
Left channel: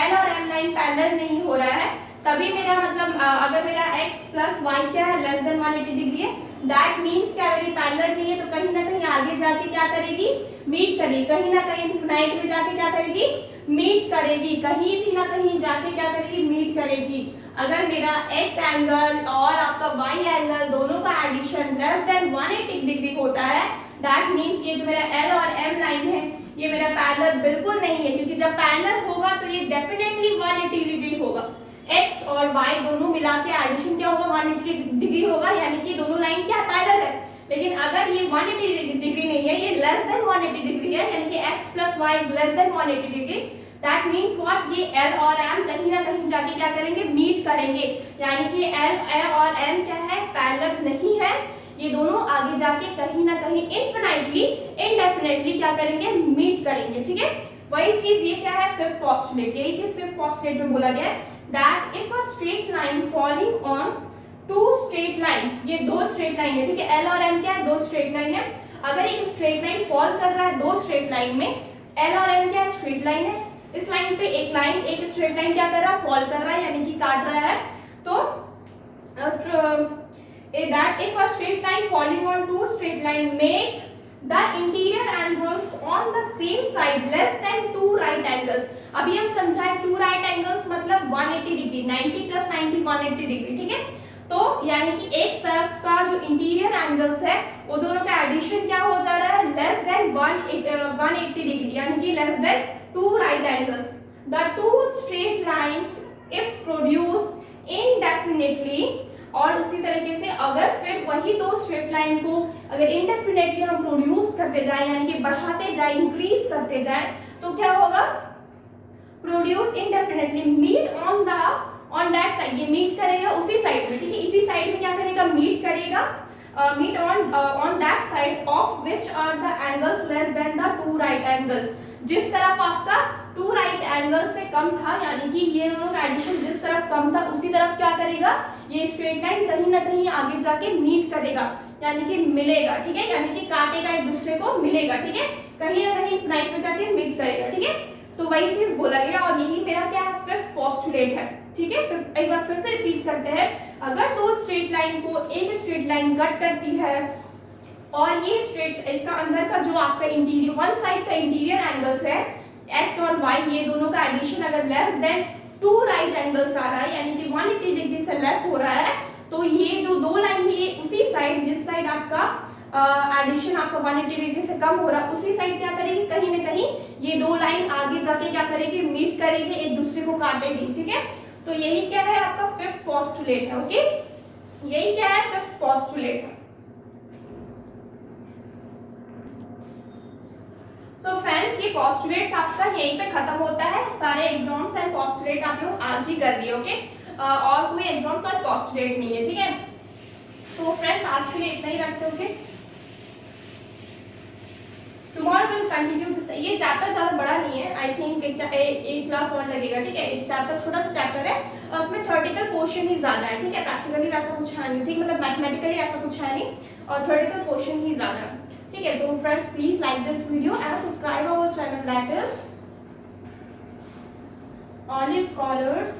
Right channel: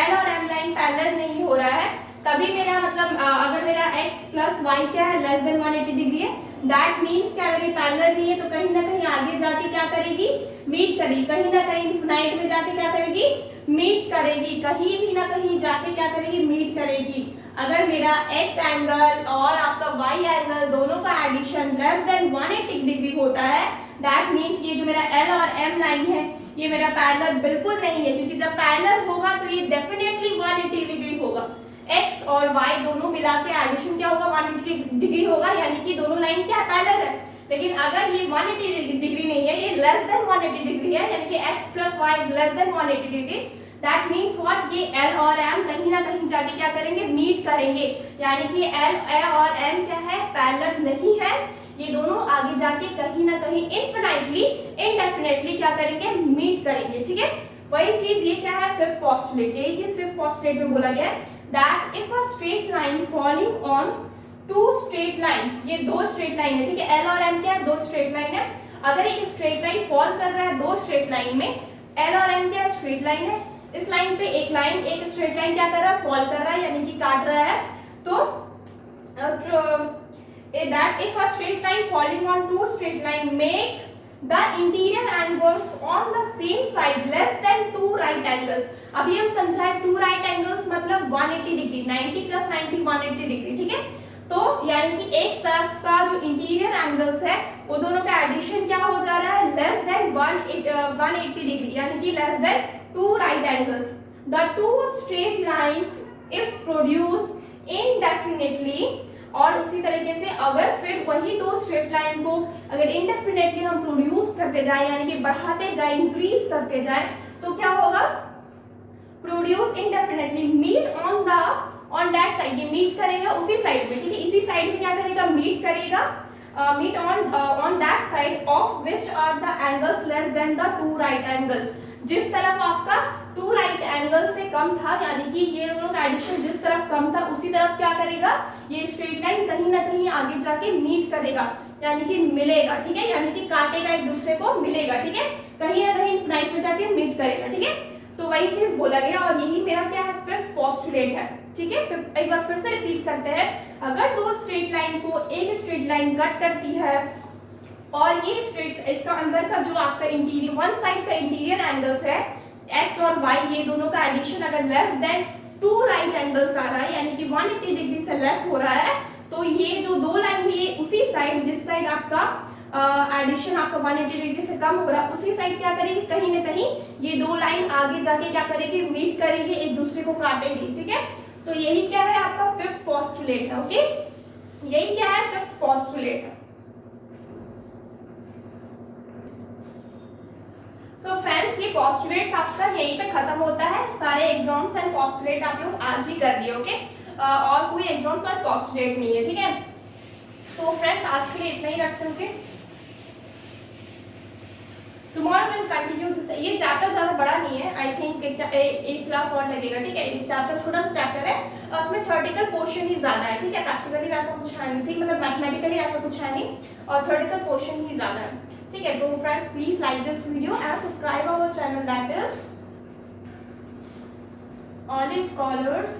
L और M लाइन पैरेलल नहीं हो रहा है, तभी मेरा मतलब अगर मेरा x प्लस वाई क्या है, लेस देन 180 डिग्री है, दैट मीन्स क्या, अगर ये पैरेलल नहीं है तो कहीं ना कहीं आगे जाके क्या करेगी, मीट करेगी, कहीं ना कहीं इनफिनाइट में जाके क्या करेगी, मीट करेगी, कहीं भी ना कहीं जाके क्या करेगी, मीट करेगी। अगर मेरा x एंगल और आपका y एंगल दोनों का एडिशन लेस देन 180 डिग्री होता है, दैट मीन्स ये जो मेरा L और M लाइन है, ये मेरा पैरेलल बिल्कुल नहीं है, क्योंकि जब पैरेलल होगा तो ये डेफिनेटली 180 डिग्री होगा। x और y दोनों मिला के एडिशन क्या होगा, 180 डिग्री होगा, यानी कि दोनों लाइन क्या पैरेलल है। लेकिन अगर ये 180 डिग्री नहीं है, ये लेस देन 180 डिग्री है, यानी कि x plus Y less than 180 degree, that means what, ये L और M कहीं ना कहीं जाके क्या करेंगे, मीट करेंगे। यानी कि L और M क्या है, पैरेलल नहीं है, ये दोनों आगे जाके कहीं ना कहीं इनफिनाइटली इनडेफिनेटली क्या करेंगे, मीट करेंगे। ठीक है, वही चीज ये क्या है, फिफ्थ पोस्टुलेट, यही चीज फिफ्थ पोस्टुलेट में बोला गया है, that if a straight line falling on two straight lines, ये दो स्ट्रेट लाइन है। ठीक है, L और M क्या है, दो स्ट्रेट लाइन है। अगर एक स्ट्रेट लाइन फॉल कर रहा है दो स्ट्रेट लाइन में, L और M क्या है, स्ट्रेट लाइन है, इस लाइन पे एक स्ट्रेट लाइन क्या कर रहा है, फॉल कर रहा है, यानी कि काट रहा है। तो that if a straight line falling on two straight line make the interior angles on the same side less than two right angles। अभी हम समझाएं, two right angles मतलब 180 डिग्री, 90 प्लस 90 180 डिग्री। ठीक है, तो यानी कि एक तरफ का जो इंटीरियर एंगल्स है वो दोनों का एडिशन क्या हो जा रहा है, लेस देन 180 डिग्री, यानी कि less than two right angles। The two straight lines if produced indefinitely और उसी तरीके से अगर फिर वही दो स्ट्रेट लाइन को अगर इंडेफिनेटली हम प्रोड्यूस करते जाए, यानी कि बढ़ाते जाए, इंक्रीज करते जाए, तो क्या होगा, produce indefinitely, meet on that side, ये मीट करेगा उसी साइड में, ठीक है, इसी साइड में क्या करेगा, मीट करेगा, meet on that side of which are the angles less than the two right angle, जिस तरफ आपका टू राइट एंगल से कम था, यानी कि ये दोनों का एडिशन जिस तरफ कम था उसी तरफ क्या करेगा, ये स्ट्रेट लाइन कहीं ना कहीं आगे जाके मीट करेगा, यानी कि मिलेगा, ठीक है, यानी कि काटेगा एक दूसरे को, मिलेगा, ठीक है, कहीं ना कहीं इनफिनाइट में जाके मीट करेगा, ठीक है। तो वही चीज बोला गया और यही मेरा क्या है, फिफ्थ पोस्टुलेट है, ठीक है। फिर एक बार फिर से रिपीट करते हैं, अगर दो स्ट्रेट लाइन को एक स्ट्रेट लाइन कट करती है और ये स्ट्रेट, इसका अंदर का जो आपका इंटीरियर, वन साइड का इंटीरियर एंगल्स है एक्स और वाई, ये दोनों का एडिशन अगर less than two right angles आ रहा है, यानी कि 180 डिग्री से लेस हो रहा है, तो ये जो दो लाइन है ये उसी साइड, जिस साइड आपका एडिशन आपका 180 डिग्री से कम हो रहा है, उसी साइड क्या करेगी, कहीं ना कहीं ये दो लाइन आगे जाके क्या करेगी, मीट करेगी, एक दूसरे को काटेगी, ठीक है। तो यही क्या है, आपका फिफ्थ पोस्टुलेट है, ओके, यही क्या है, फिफ्थ पोस्टुलेट है। तो फ्रेंड्स, ये पोस्टुलेट आपका यहीं पे खत्म होता है, सारे एग्जाम्स एंड पोस्टुलेट आप लोग आज ही कर दिए, ओके, और कोई एग्जाम्स और पोस्टुलेट नहीं है, ठीक है। तो फ्रेंड्स, आज के लिए इतना ही रखते हैं, okay. Tomorrow will continue this, ये चैप्टर ज्यादा बड़ा नहीं है, आई थिंक एक क्लास और लगेगा, ठीक है, एक चैप्टर छोटा सा चैप्टर है और उसमें थ्योरेटिकल पोर्शन ही ज्यादा है, ठीक है, प्रैक्टिकली वैसा कुछ है नहीं, ठीक, मतलब मैथमेटिकली ऐसा कुछ है नहीं और थ्योरेटिकल पोर्शन ही ज्यादा है, ठीक है। तो friends, please like this video and subscribe our channel, that is only scholars,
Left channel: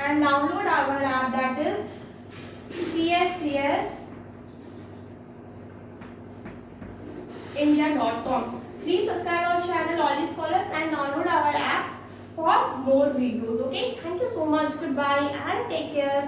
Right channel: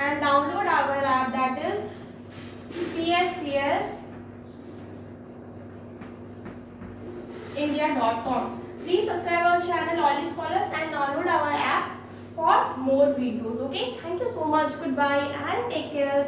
and download our app, that is CSCS India.com. Please subscribe our channel, all these scholars, and download our app for more videos, okay. Thank you so much, goodbye and take care.